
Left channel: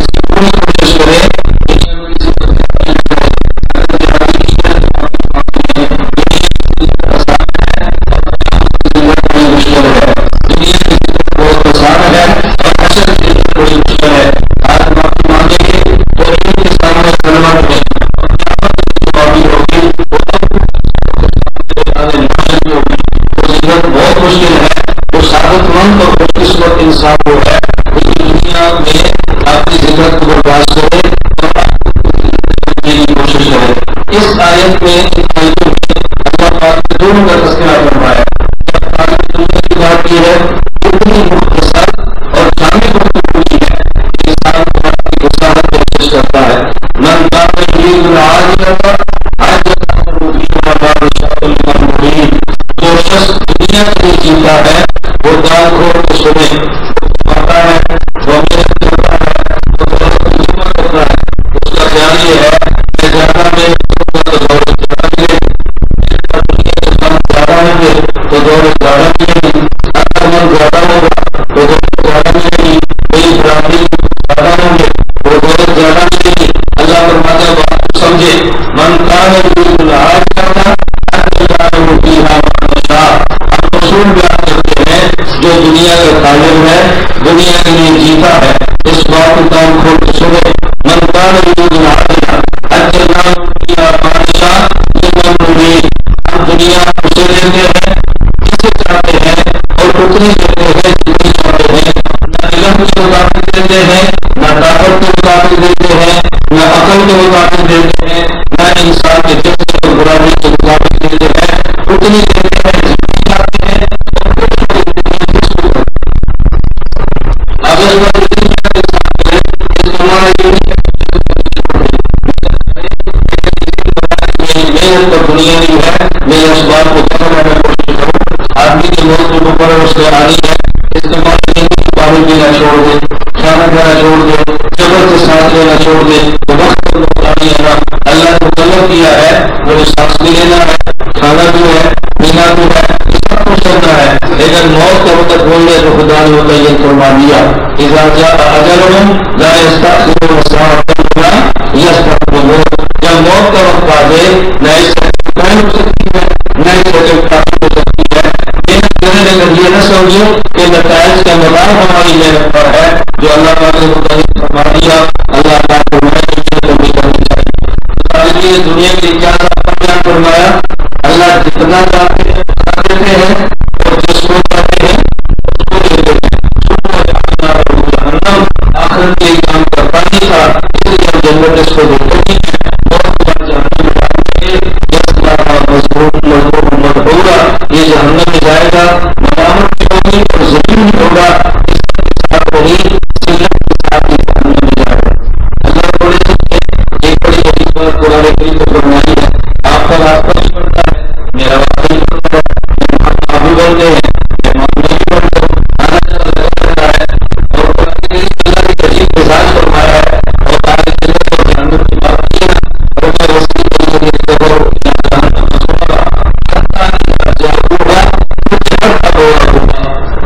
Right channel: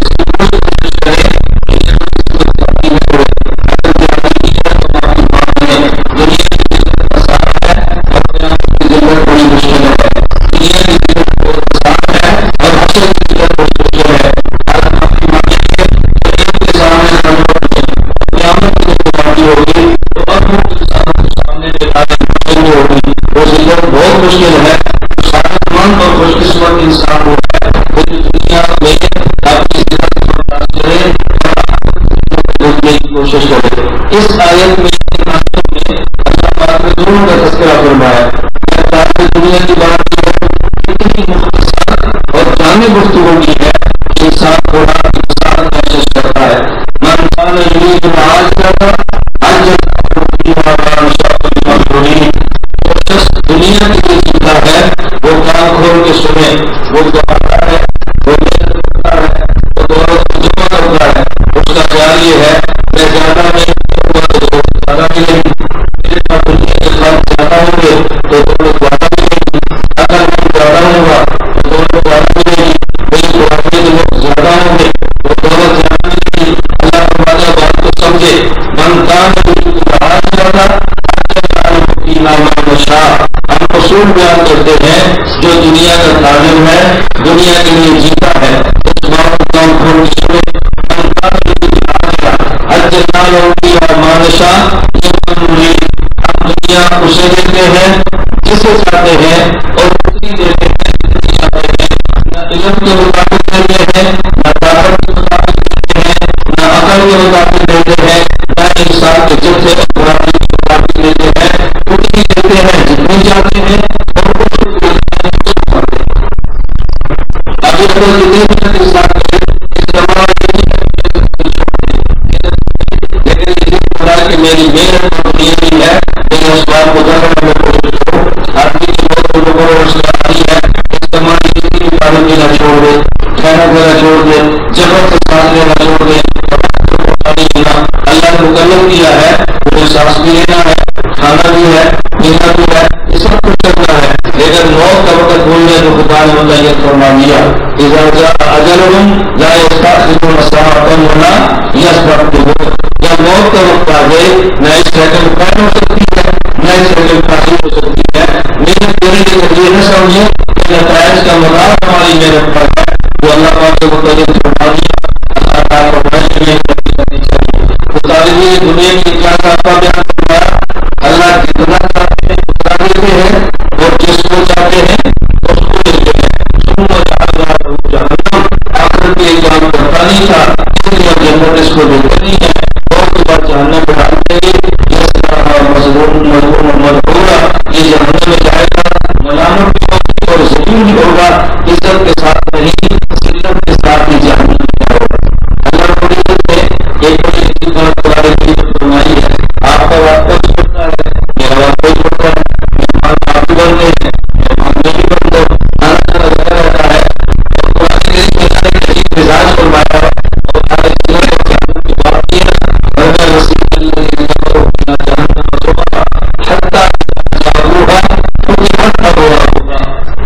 اس کی پوری کوشش کرے کسی کو تحقیق نہ کرے. اگر جہادی کی ہے تو معافی مانگتے ہیں. دنیا کی زندگی آسان ہے اور قیامت کی زندگی بڑی مشکل ہے. دنیا کی زندگی بہت آسان ہے اور حشر کی زندگی بڑی مشکل ہے. آج معافی مانگیں گے تو ان کے سامنے کلمہ پڑھیں, اور قیامت کی جو معافی ہوگی وہ اپنے انسانوں کے سامنے بتانے مشکل ہوگی. وہ زندگی بہت مشکل ہے. جو سعادت مند اور خوش قسمت انسان وہ ہے وہ دنیا میں اپنی زندگی کو برداشت کرے اور ڈھونڈنے کی کوشش کرے. اس آیت میں, ان آیتوں میں اللہ پاک نے دونوں کا تذکرہ فرمایا. تاریخ دنیا کی بات یہ ہے کتنی مختصر اور جامع گفتگو کی ہے کہ انسان قرآن کی وساعت کوشش کرتا ہے. من کان یرید العاجلۃ عجلنا له فیہا ما نشاء لمن نرید. جو شخص دنیا کے لیے جیتا ہے وہ کان کھول کے سنے, وہ کماتا ہے, وہ محنت کرتا ہے, وہ دولت کو جمع کرتا ہے. اس کا خیال یہ ہے میں زیادہ محنت کروں گا تو دولت زیادہ ملے گی, میرے پاس دنیا کے فنڈ زیادہ ہوں گے تو دولت زیادہ ملے گی, اگر من زیادہ ہوگا تو دولت زیادہ ملے گی. دنیا کا تاجر ہے، دنیا کے لیے جیتا ہے، اس بات کو کام کھول کے سنے۔ من کان یرید العاجلہ عجلنا له فیہا ما نشاء لمن نرید۔ ہم دنیا اسے دیتے ہیں جسے چاہتے ہیں اور اتنی دیتے ہیں جتنی چاہتے ہیں، نہ علم کے مطابق دیتے ہیں، نہ طاقت کے مطابق دیتے ہیں، نہ عقل کے مطابق دیتے ہیں، نہ انسان کے جبے اور برائی کے مطابق دیتے ہیں، اتنی دیتے ہیں جتنی چاہتے ہیں اور کچھ کو دیتے ہیں جس کو کرتے ہیں۔ اگر وہ جتنی محنت انسان کرے اس کا معنی یہ نہیں ہے کہ چھوڑ دے، لیکن یہ بتایا کہ میری محنت پر دنیا نہیں ہے، میرے اسباب کو جمع کرنے کی کوشش کروں۔ آدمی کی موت جو مقرر اس سے آ رہی ہے، اس کا معنی یہ نہیں کہ پانی پینا چھوڑ دے، کھانا پینا چھوڑ دے، جبر سے سانس لینا چھوڑ دے، تو وقت پر مختاری لینا اللہ نے مکلف کیا ہے، پورے سانس بھی لینا ہے، کھانا بھی ہے، پینا بھی ہے، یہ سب کچھ کرنا ہے، لیکن موت کا وقت بول رہے تو خدا نے ہوتا یہ فرما دیا اذا جاء اجلهم لا يستأخرون ساعة ولا يستقدمون۔ جب موت کا وقت آ جائے نہ اس سیکنڈ قائم ہو سکتی ہے نہ اس سیکنڈ قائم ہو سکتی ہے۔ محنت کرنے کے یہ نہ سمجھے کہ نتائج کا مدار ہماری محنت پر ہے، جو اللہ پاک نے متعلق فرما دیا۔ اللہ پاک فرمائے کہ محنت کبھی کرنی چاہیے۔ تو طالبین دنیا کے کیا ضابطہ بیان فرمایا؟ اللہ جتنا چاہتے ہیں اتنا دیتے ہیں اور جس کو چاہتے ہیں اس کو دیتے ہیں۔ ثم جعلنا له جہنم، آخرت کے کام کرتا نہیں تھا اس لیے ہم جنت اس کو دیتے نہیں ہیں، موت کے بعد جہنم میں ڈال دیں گے۔ یصلاها مذموما مدحورا، یہ جہنم میں جائے گا، ملامت بھی ہوگی اور ذلیل بھی ہوگا، عزت کے ساتھ نہیں ذلت کے ساتھ یہ جہنم میں جائے گا۔ اللہ رب العزت نے ایک بڑی عجیب بات قرآن کریم میں فرمائی ہے، آپ کا واسطہ بھی پڑتا ہے، میرا واسطہ بھی پڑتا ہے، مہمان آپ بھی بنتے ہیں، مہمان میں بھی بن جاؤ، آنا جانا لگا رہتا ہے۔ اور قرآن کریم میں اللہ نے ایک عجیب مزاج فرمایا ہے اور آگے جنت اور جہنم کی بات کی ہے نا، اور وسیع الذین کفروا الی جہنم زمرا حتی اذا جاءوها فتحت ابوابها،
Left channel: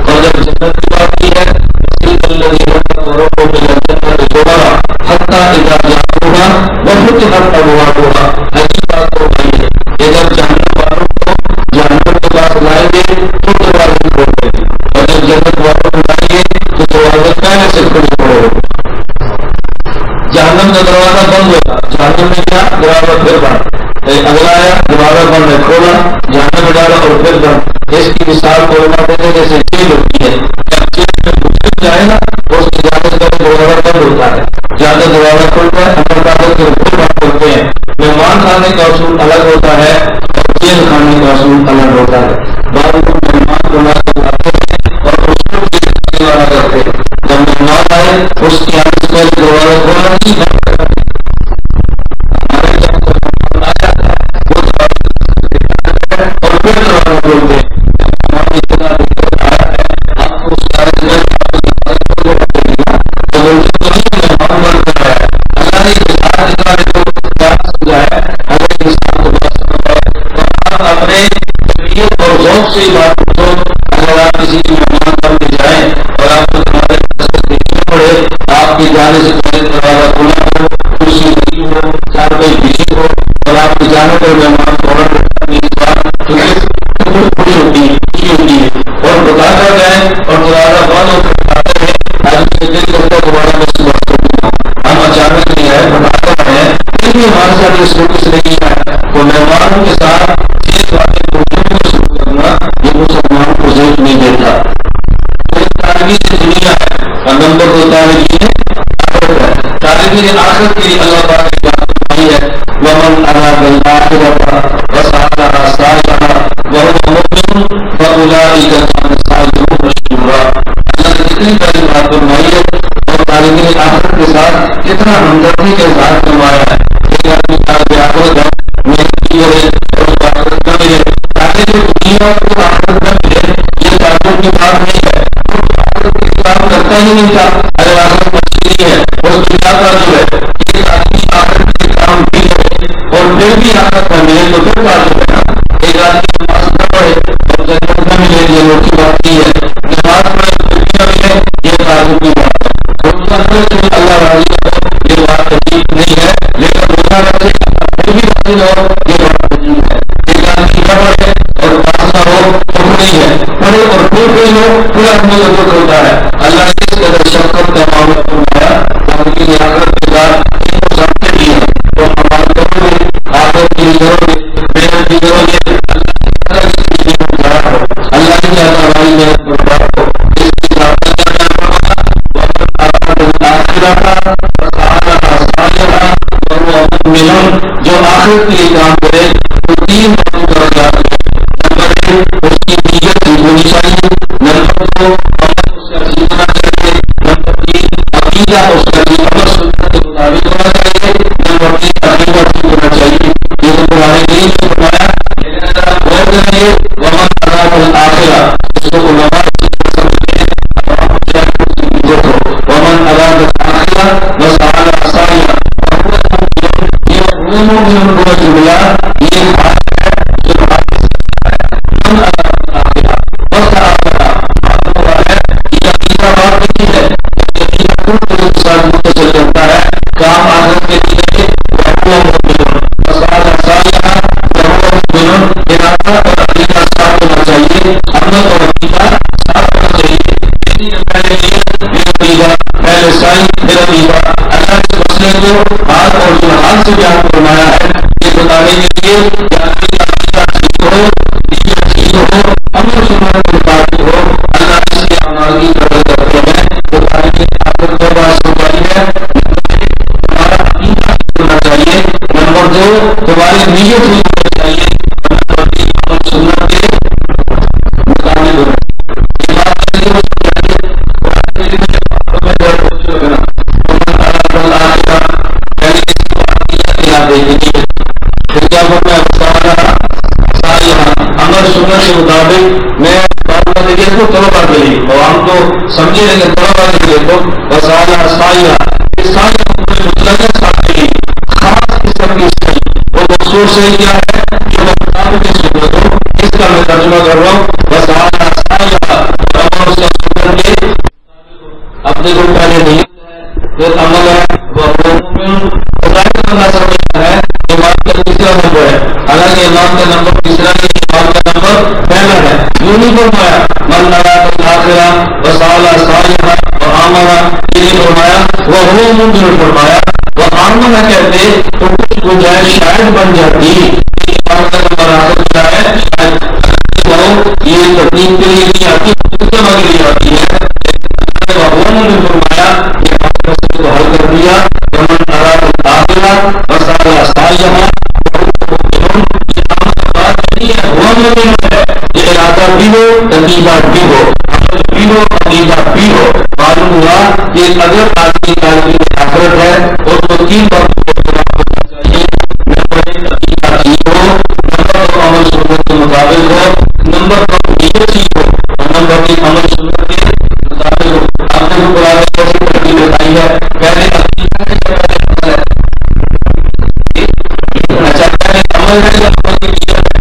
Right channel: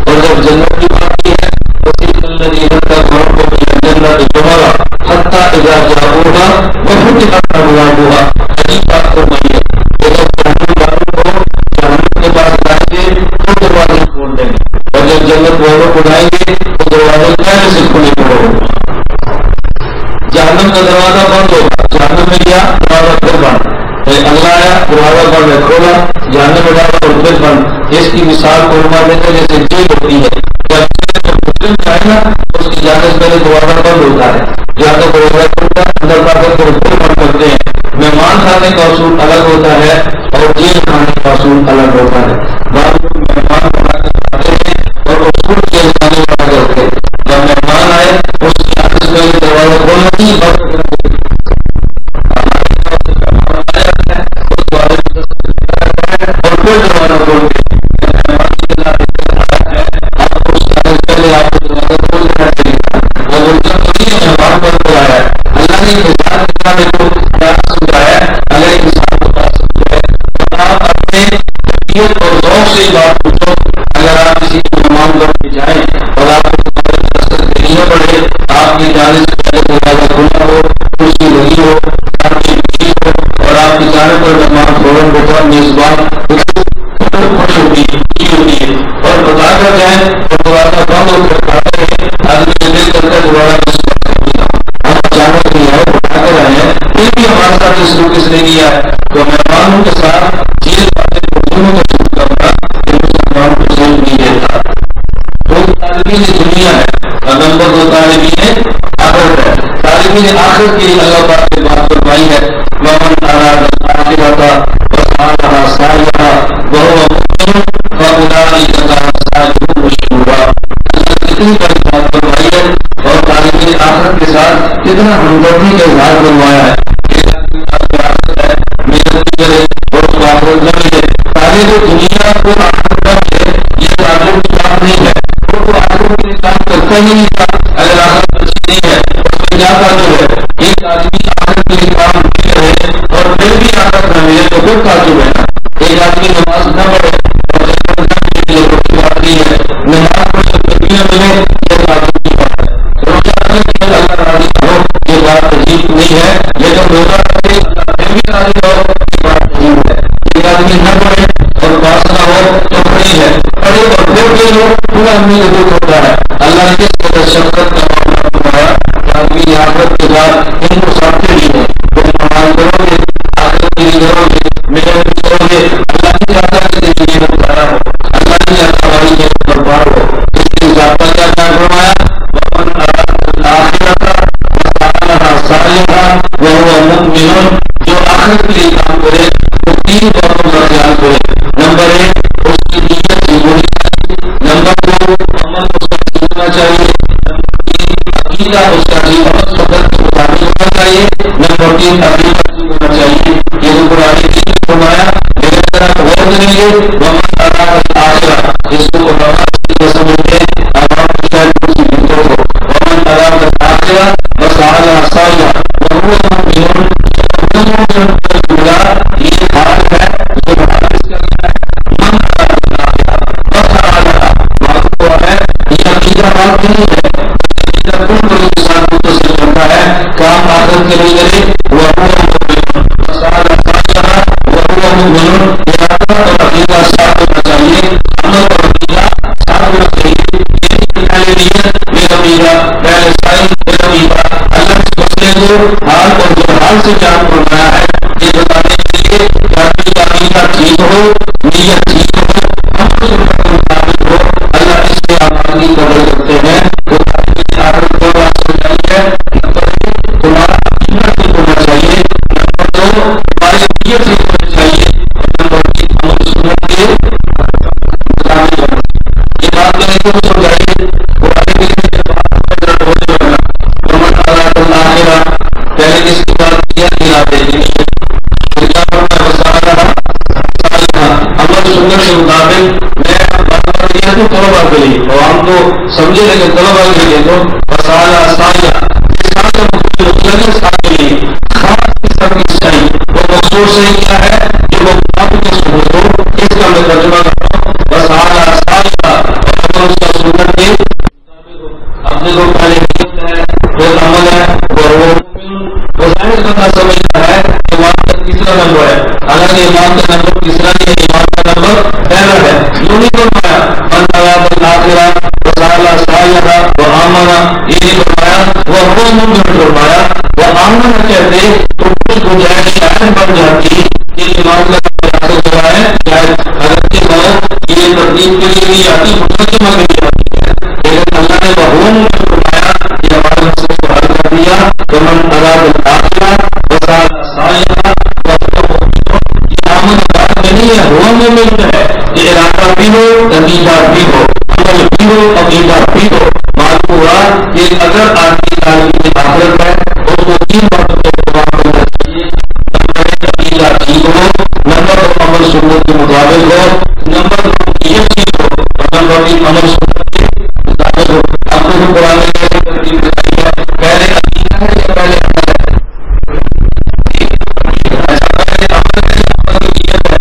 اور جب جنت کی بات کی ہے وسیع الذین کفروا الی الجنۃ زمرا حتی اذا جاءوها وفتحت ابوابها۔ عجیب بات فرمائی ہے کہ جب جہنم والوں کو جہنم کے پاس لائیں گے تو دروازے کھول دیں گے، اور جب جنت والوں کو لائیں گے تو دروازے پہلے سے کھلے پڑے ہوگا۔ جہنم کا دروازہ بند ہوگا، جہنم میں گیا دروازہ پھر بند، اگلا آیا دروازہ بند ہے، کھولا جہنم میں ڈالا اور پھر بند۔ اس کی مثال کو علماء دیتے ہیں جیسے جیل ہوتی ہے، جب جیل میں مسلم جائے نا اس کی جانے سے پہلے دروازہ بند ہوتا ہے، جہاں تک دروازہ کھلتا ہے اندر داخل کر پھر بند کرتے ہیں۔ مہمان کھانے کا اصول الگ ہوتا ہے اور جیل کھانے کا اصول الگ ہوتا ہے۔ بعض لوگ مہمان بنا کر لاتے ہیں اور اصول جیل کھانے والا کرتے ہیں، جب مہمان آئے اس کی آنے سے پہلے دروازہ کھولنا چاہیے، بند کرنا چاہیے۔ ہمارے یہاں کوئی مہمان آ جاتا ہے وہ دروازے دیتا رہتا ہے اور پھر دروازہ کھولتے ہیں۔ مہمان اتنا دقت آیا ہے آپ کو اس کے آنے سے پہلے آپ کو دروازہ کھول دینا چاہیے نا، وہ ملزم تو نہیں ہے مہمان بن کر آیا ہے۔ اللہ نے مثال دکھانے کو کیا سمجھایا؟ اگر ایک انسان کو بات سمجھ آئے تو آپ اپنے طبیعت اور ذوق سے ہی بات پوچھو۔ اگر آپ کسی مہمان بن کے جائیں اور آپ کو تمہارے دستک دینی نہ پڑے، آپ کے جانے سے پہلے دروازہ کھلا ہو، کرسی لگی ہو، چارپائی بچھی ہو اور آپ کے جانے پر مہمان فوراً بیٹھا میزبان تو خوش ہوتی ہے، خوشی ہوتی ہے، اور بتا کر جائیں اور دروازہ بند ہو کر کھاتے ہیں، آدمی کا دل کرتا ہے دوبارہ میں صبح کر بھی جاؤں۔ ہم اچانک نہیں آئے، بتا کر آئے ہیں، پھر بھی ہمارے ساتھ اس روک اس نے کیا ہے، تو مہمانوں کے ساتھ جیل والے مجرموں کا شروع کرنا یہ مسلمانوں کو ضرور نہیں دیتا۔ تو طالبین دنیا ہے اور نمبر 2 طالبین آخرت ہے۔ طالبین آخرت کے لیے اللہ پاک نے بات فرمائی ہے وَمَنْ أَرَادَ الْآخِرَةَ وَسَعَى لَهَا سَعْيَهَا وَهُوَ مُؤْمِنٌ فَأُولَٰئِكَ كَانَ سَعْيُهُمْ مَشْكُورًا۔ اللہ نے کتنی بڑی بات فرمائی ہے اور طالبین آخرت کے ساتھ کتنا ہمدردی کا اظہار فرمایا ہے۔ ایک آدمی طالب آخرت ہے، محنت بھی کرے اور اس کو آخرت نہ ملے، تاکہ جو دنیا کو آخرت نہ ملے یہ تعجب کی بات نہیں ہے، وہ تو آخرت کے لیے کام کرتا ہی نہیں تھا۔ اگر آخرت اچھی نہیں ہے اور اس کو کیا تعجب ہے؟ ایک آدمی آخرت کے لیے کام بھی کرے اور پھر بھی آخرت نہ ملے تو پھر تعجب ہے نا۔ ایک آدمی نماز نہ پڑھے اور جنت نہ ملے یہ روٹی بات نہیں ہے، نماز پڑھے اور پھر بھی نہ ملے یہ تعجب کی بات ہے۔ روزہ رکھے کہ اللہ راضی نہ ہو یہ بات عجیب نہیں ہے، لیکن روزہ رکھے اللہ پھر بھی راضی نہ ہو یہ بات عجیب ہے۔ ایک آدمی نہ پڑھے اور پاس نہ ہو تو نہیں ہے، پڑھے پڑھے اور پھر فیل ہو پھر آدمی کو دکھ ہوتا ہے. اللہ نے کس قدر شفقت کا معاملہ فرمایا کہ آدمی کی آخرت کے بعد ان کو سمجھتے بھی ہے. تم عمل کرو گے آخرت کے لیے کرو گے محنت بھی کرو گے. اللہ نہیں چاہتا اس کے لیے ضائع ہو. اللہ نہیں چاہتا ہماری محنت برباد ہو. اس کے ضابطہ کیا بیان فرمایا وَمَنْ أَرَادَ الْآخِرَةَ وَسَعَىٰ سَعْيَهَا وَهُوَ مُؤْمِنٌ. جو آخرت کے لیے کام کرے وہ تین باتوں کا خیال کرے. نمبر 1 اس کی نیت ٹھیک ہونی چاہیے. نمبر 2 عمل اس کا ٹھیک ہونا چاہیے. نمبر 3 عقیدہ اس کا ٹھیک عمل سنت کے مطابق ہونا چاہیے. نمبر 3 عقیدہ ٹھیک ہونا چاہیے. یہ تو قرآن کریم نے فرمایا. لیکن اگر آپ غور کریں گے ومن اراد الآخرہ اس کو علماء اسی طرح سمجھتے ہیں عوام کو شاید کچھ عزت ہو. ومن اراد الآخرہ وسعى لها سعيها وهو مؤمن. یہ مؤمن کا جملہ یہ حال ہے جو حال کس کا ہے من اراد الآخرہ وسعى لها. معلوم ہوا ہے یہ عقیدہ بات نہیں ہے. عقیدہ کل لوگوں کے ساتھ متصل کرتا ہے. کام آخرت کے لیے کرے وهو مؤمن وسعى لها سعيها وهو مؤمن. ارادہ اور عقیدہ ساتھ ہونا چاہیے. عمل اور عقیدہ ساتھ ہونا چاہیے. یعنی پہلے نیت پھر عقیدہ پہلے سعی پھر عقیدہ. اللہ اس مسئلے کو حال اور جلحال سے بیان فرمایا ہے یہ بتانے کے لیے کہ آدمی کا عقیدہ ٹھیک ہو نیت ٹھیک ہو عمل سنت کے مطابق ہو. اللہ اس کے اعمال کی قدر کرتے ہیں. وہ تاریخ آخرت دو بات سمجھائی ہے. نمبر 1 تمہارا عقیدہ ٹھیک ہونا چاہیے. نمبر 2 تمہاری نیت ٹھیک ہونی چاہیے. اور نمبر 3 عمل سنت کے مطابق ہونا چاہیے. یہ بات میں نے کیوں سمجھائی ہے قرآن کریم میں جب بات میں درد ہوتے ہونا ومن اراد الآخرہ پہلے کس کی بات کیا ارادے کی نیت. پھر کیا فرمایا وسعى لها سعيها عمل سنت کے مطابق. میں بات کر رہی ہوں طلبا کے لیے عوام تو سمجھے لیکن طلبا کے لیے تو وسعى لها سعيها. یہ سعی مطلق ہے سعی کے لیے خاص قسم کی سعی. وہ مخصوص صحیح کیا ہے جو وہ مطابق سنت ہو. اس کا میں ترجمہ کر رہا ہوں وسعى لها سعيها اور عمل اس کا سنت کے اپنے کو پہلے نیت ہے پھر عمل ہے وہ ظاہر بندہ سمجھتا ہے ایمان کا تیسرا نمبر ہے. حالانکہ ایمان کا نمبر تیسرا نہیں ہے ایمان کا نمبر پہلا ہے. یوں نہیں فرمایا من اراد الآخرہ وسعى لها سعيها وآمن. یہ نہیں فرمایا وهو مؤمن فرمایا. وآمن کہتے تو کچھ گنجائش شاید بن جاتی. یہ ایمان کا نمبر آخر کیا ہے شاید اگر کے بھاؤ یہ ترتیب کے لیے نہیں آتی مقدمہ کے لیے آتی ہے. لیکن اللہ نے وہوم میں فرمایا یہ ہمارے مسئلے کو حل کر دیا. ومن اراد الآخرہ وسعى لها سعيها وهو مؤمن. یہ آمن بات نہیں ہے ہوا مومن ہے. یہ ارادہ بھی ہو عقیدہ بھی ہو عمل بھی ہو عقیدہ بھی ہو. معلوم ہوا کہ اگر آدمی طالب آخرت ہے اس کو 3 باتوں کو اہتمام کرنا چاہیے. نمبر 1 عقیدہ ٹھیک ہو. نمبر 2 عمل سنت کے مطابق ہو. نمبر 2 نیت ٹھیک ہو. اور نمبر 3 عمل سنت کے مطابق ہو. آپ نے قرآن میں کیسے ترتیب بتائی ہے پہلے عقیدہ ہے یا پہلے عمل ہے؟ اچھا پہلے عمل ہے یا عمل کی نیت ہے؟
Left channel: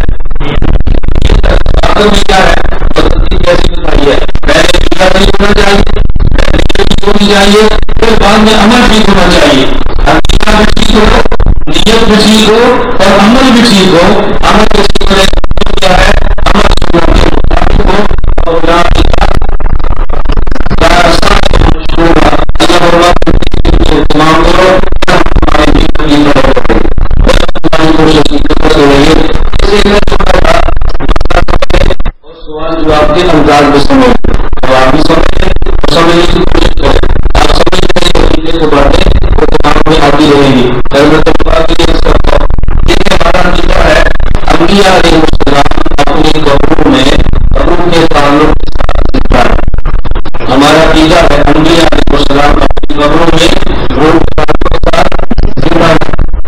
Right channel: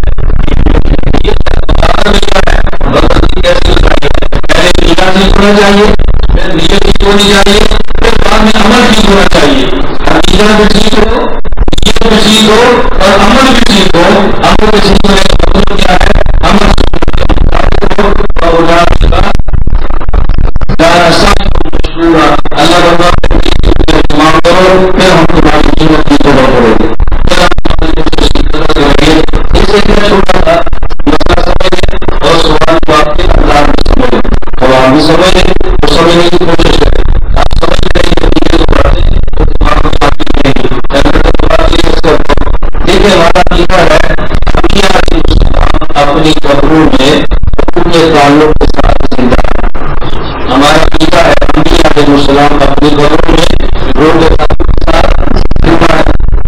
نیت ہے. آخر میں کیا ہے وہ ترتیب کیسے بتائی ہے پہلے عقیدہ ٹھیک ہونا چاہیے پھر نیت ٹھیک ہونی چاہیے پھر بعد میں عمل ٹھیک ہونا چاہیے. عقیدہ بھی ٹھیک ہو نیت بھی ٹھیک ہو اور عمل بھی ٹھیک ہو. عمل کے ٹھیک ہونے کا مطلب کیا ہے عمل سنت کے مطابق ہو. اور اللہ برباد اہتمام کرو پھر ہم تمہاری محنت کی قدر کریں گے پھر ہم تمہاری کوشش کی قدر کریں گے. اس سے میں چھوٹا تھا مسئلہ سمجھیں اور سوال جواب کے انداز میں سمجھیں. اور آپ بھی سمجھیں تو سمجھنے کی کوشش کریں. آپ سمجھ رہے ہیں عقیدے کو بڑھیں وہ دماغ میں آتی رہیں گی. دیکھیں ہمارا عقیدہ ہے انبیاء علیہ السلام اپنی قبروں میں قبروں کے تعلق کے ساتھ زندہ ہے. ہمارا عقیدہ ہے انبیاء علیہ السلام اپنی قبروں میں روح کے تعلق کے ساتھ زندہ ہے.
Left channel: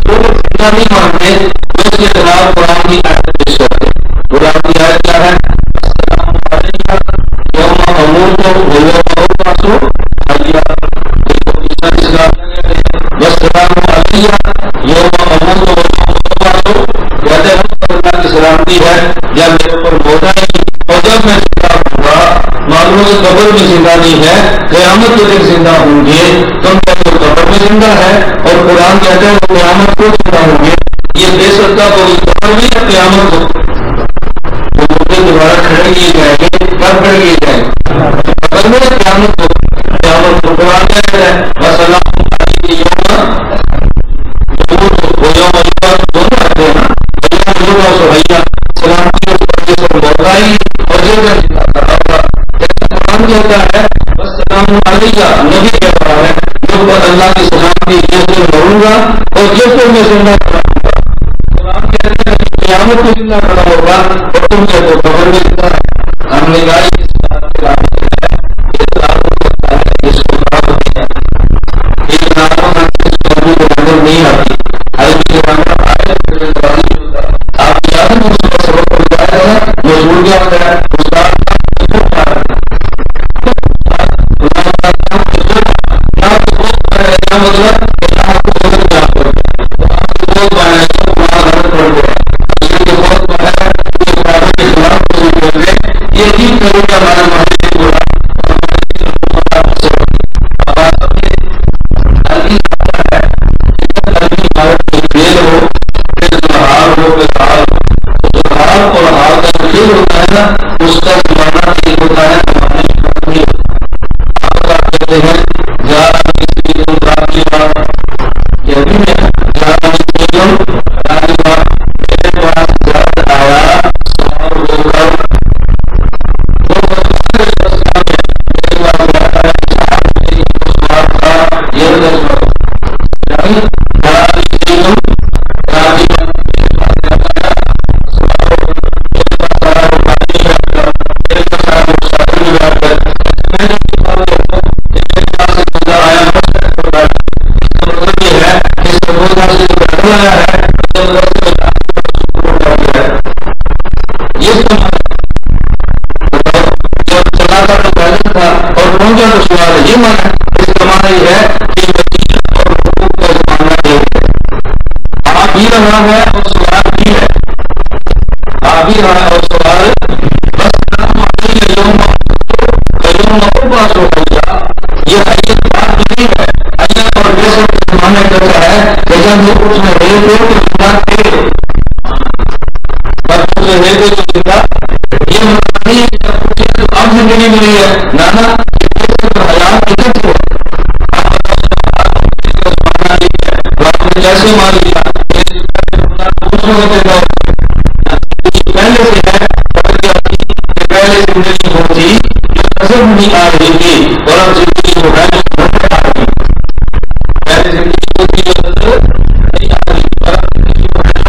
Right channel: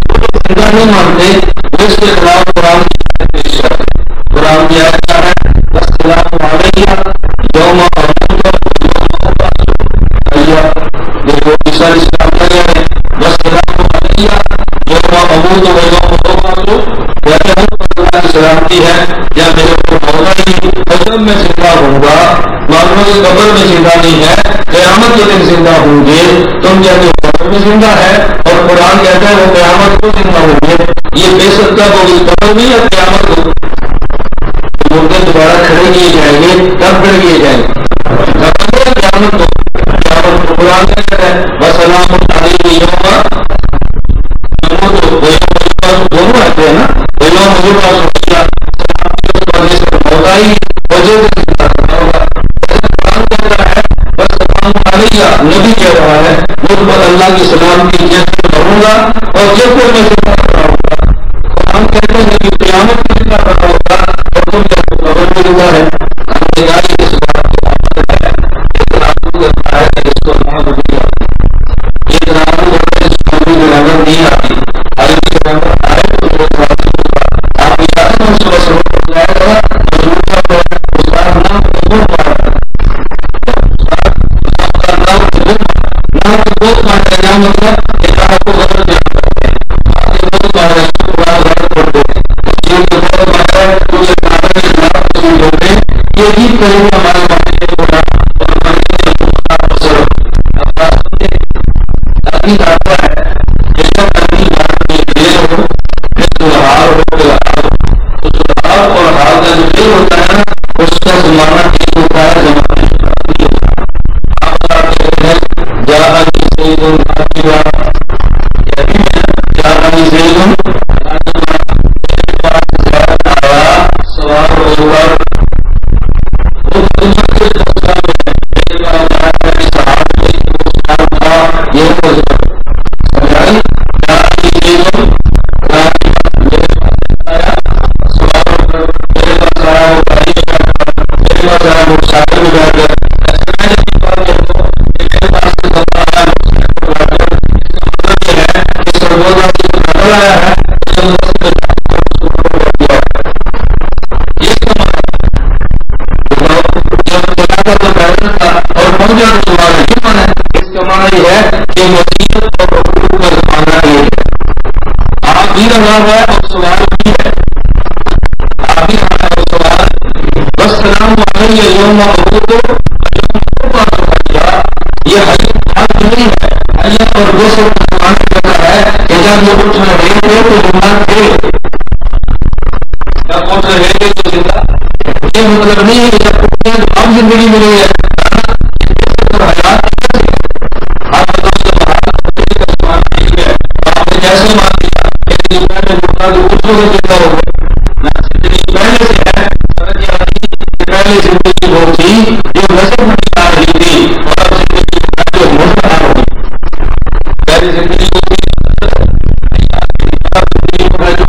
جو لوگ زندہ نہیں مانتے وہ اس کے خلاف قرآن کی آیت پیش کرتے. قرآن کی آیت کیا ہے السلام علیہ یوم اموت و یوم ابعث حیا. دیکھو عیسیٰ علیہ السلام کیا ہے السلام علیہ یوم اموت و یوم ابعث. کہتے ہیں پر اللہ کی سلامتی ہے یا میرے پر موت آئے گی اور جب میں زندہ ہوں گا. معلوم ہے قبر میں زندہ نہیں ہے قیامت کے دن زندہ ہوں گے. تم کہتے ہو قبر میں زندہ ہے اور قرآن کہتا ہے وہ قیامت کو زندہ ہوں گے. یہ بے سکتا ہوگی قبر میں یا قیامت کو. تو مردے دوبارہ کھڑے کیے جائیں گے. کب کھڑے کیے جائیں گے؟ قبر میں قیامت کو. قیامت کو قرآن کہتا ہے وسلام علیہ یوم دونوں آتے ہیں نا. سلامتی اس پر جس پر موت آئی اور جو انتظار کر رہا ہوگا. جیسے قرآن کہتا ہے بس سلام علیہ, نبی کہہ رہا ہے مجھ پر اللہ کی سلامتی جس دن مروں گا اور جس پر میں زندہ کھڑا ہوں گا. قرآن کہتے ہیں کہ قیامت کو زندہ کھڑا ہوگا اور تم کہتے ہو قبر میں زندہ ہے. ہم نے کہا اس بات کے رابط ہے کرتا ہے کہ اس کو نام نہیں آتی. ایک نام اس کو عربی گرامر نہیں آتی. عربی گرامر آئے تو میرے راضی ہوگا. آپ یاد ہے اس وقت سبق پڑھ جائے گا مجبور کیا ہوتا ہے استاد نام کے بہت مارا نام کے بہت مارا یہاں مطلب کہ نام کو غلط بیان کرتے ہیں. نام کے بہت مارا ہے تو قرآن غلط پڑھتے ہیں. تصویر کے بہت مارا ہے کیونکہ کعبہ کے خلاف تصویر کرتے ہیں. یہ عجیب کریں گے ہمارے معاشرے کے برا اور ہمارے آواز سمجھے. عربی آتا ہے جس کا عربی عبارت میں فعل ہو پھر ظہار ہو پھر حال ہو. تو ظہار اور حال کا جو فعل ہوتا ہے نا اس کا زمانہ ایک ہوتا ہے, زمانے نہیں ہوتا. آپ کہتے ہیں جاءنی سید راکبا, یہ بھی ہے جاءنی سید راکبا, میرے پاس زید آیا سوار ہو کر. وہ مسلمان کے فلسفہ میں میرے پاس زیادہ اسحاق میں وہ سوار تھا. یہ فلسفہ سمجھائی جاءنی سید راکبا, میرے پاس زیادہ آیا سوار ہو کر. میرے پاس آیا وہ گاڑی میں بیٹھ کر, میرے پاس آیا وہ سائیکل میں بیٹھ کر. ایسے میں جب کی بات کرتا ہوں کہ میرے پاس ایک بندہ آیا مسجد پر بیٹھ کر, اس کا مطلب یہ ہے کہ سرگودا سے جو پیدل آیا ہے اس کا مطلب سے بیٹھ گیا ہے. یہ اس کا معنی بتاؤ. جب چلا کر تو پیدل تھا اور پہنچا تو سوار ہے. یہ معنی ہے. اس کا معنی یہ ہے کہ وسیلت اور حقوق کا زمانہ ایک ہے. آپ بھی رہا ہے اور سوال بھی ہے. آپ بھی رہا ہے اور سوال بس سلام علیہ یوم یہ حیت بات نہیں ہے. حیت اور بے سب کا زمانہ کہتا ہے کہ جب وہ اٹھ رہے تھے تو زندہ تھے, جب اٹھ رہے تھے تو زندہ. یہ مطلب نہیں ہے کہ جب اٹھے تو اب زندگی ملی ہے. نانا یہ بے سب اور حیات ایک ہے. آپ بتاؤ جب حال کا زمانہ ایک ہے تو آپ نے کیسے مان لیا کہ پہلے اٹھنا تو اس وقت زندہ ہو گئے. زندگی پہلے سے ہے. خبر کیا تھی کہ پہلے زندگی وہ تھی جو نظر نہیں آ رہی تھی اور اب زندگی وہ ہے جو نظر آ رہی. پہلے زندگی وہ تھی جو نظر نہیں آ رہی تھی اور اب زندگی وہ ہے جو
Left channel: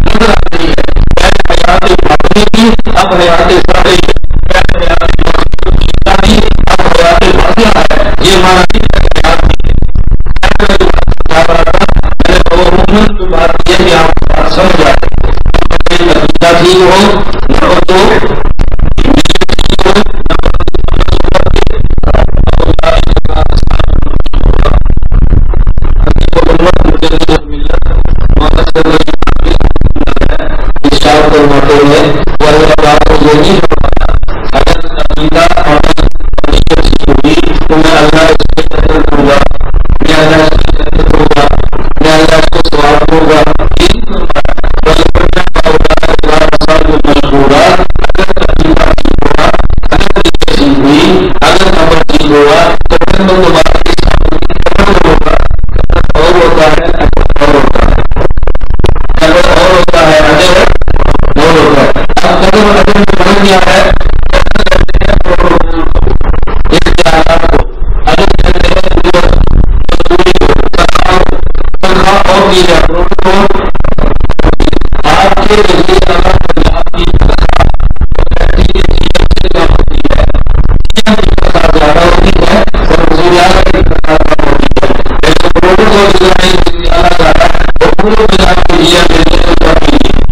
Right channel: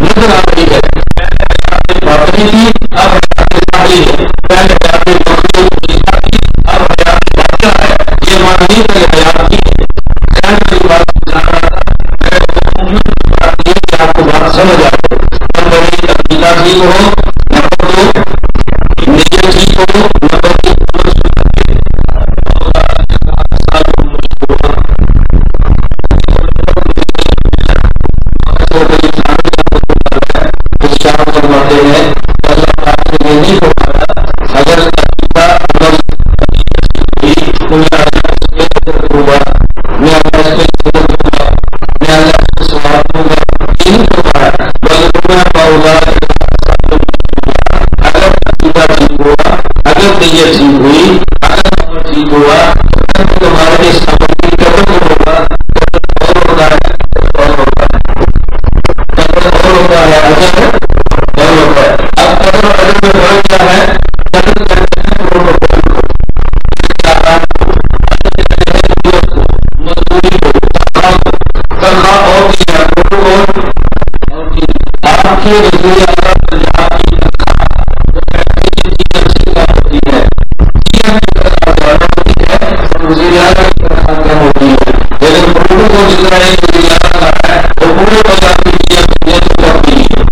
نظر آ رہی ہے. پہلے حیات باطنی تھی اب حیات ظاہری ہے. پہلے حیات باطنی تھی اب حیات باطنہ ہے. یہ معنی نہیں پہلے حیات تھی. خیر میں بات سمجھا رہا تھا. میں نے عموماً کی بات یہ کہ آپ کو بات سمجھ آ جائے. عقیدہ ٹھیک ہو, نمبر 2 نیت ٹھیک ہو, نمبر 3 عمل سنت کے یہ نہیں ہو پایا. اگر عقیدہ عمل نیت ٹھیک ہوگی تو میں اللہ اس پہ اثر دوں گا, میں اللہ اس پہ جنت دوں گا, میں اللہ اس کو ثواب دوں گا. یہ نہیں ہو پایا. اگر عقیدہ ٹھیک ہوا, اگر نیت ٹھیک ہوئی, اگر عمل ٹھیک ہوا تو پھر تمہارے اس عمل کی قدر ہوگا. قدر اور ہوتا ہے, اجر اور ہوتا ہے. قدر اور ہوتا ہے, اجر اور ہوتا ہے. اب قدر اور اجر میں فرق کیا ہے؟ قدر کہتے ہیں پروٹوکول کو, اختیارات کو. اجر کہتے ہیں اجرت کو, مزدوری کو, تنخواہ کو. تنخواہ اور دی ہے, پروٹوکول. آپ کے وزیر اعلیٰ پنجاب کی تنخواہ وہ کہتے ہیں کہ جی ایم سے کم ہوتی ہے. جی ایم کی تنخواہ زیادہ ہوتی ہے اور وزیر اعلیٰ کی تنخواہ کم ہوتی ہے. لیکن پروٹوکول جتنا نہیں وزیر اعلیٰ کا ہے وہ پورے پنجاب کی جی ایم دینے تو کم بھی نہیں.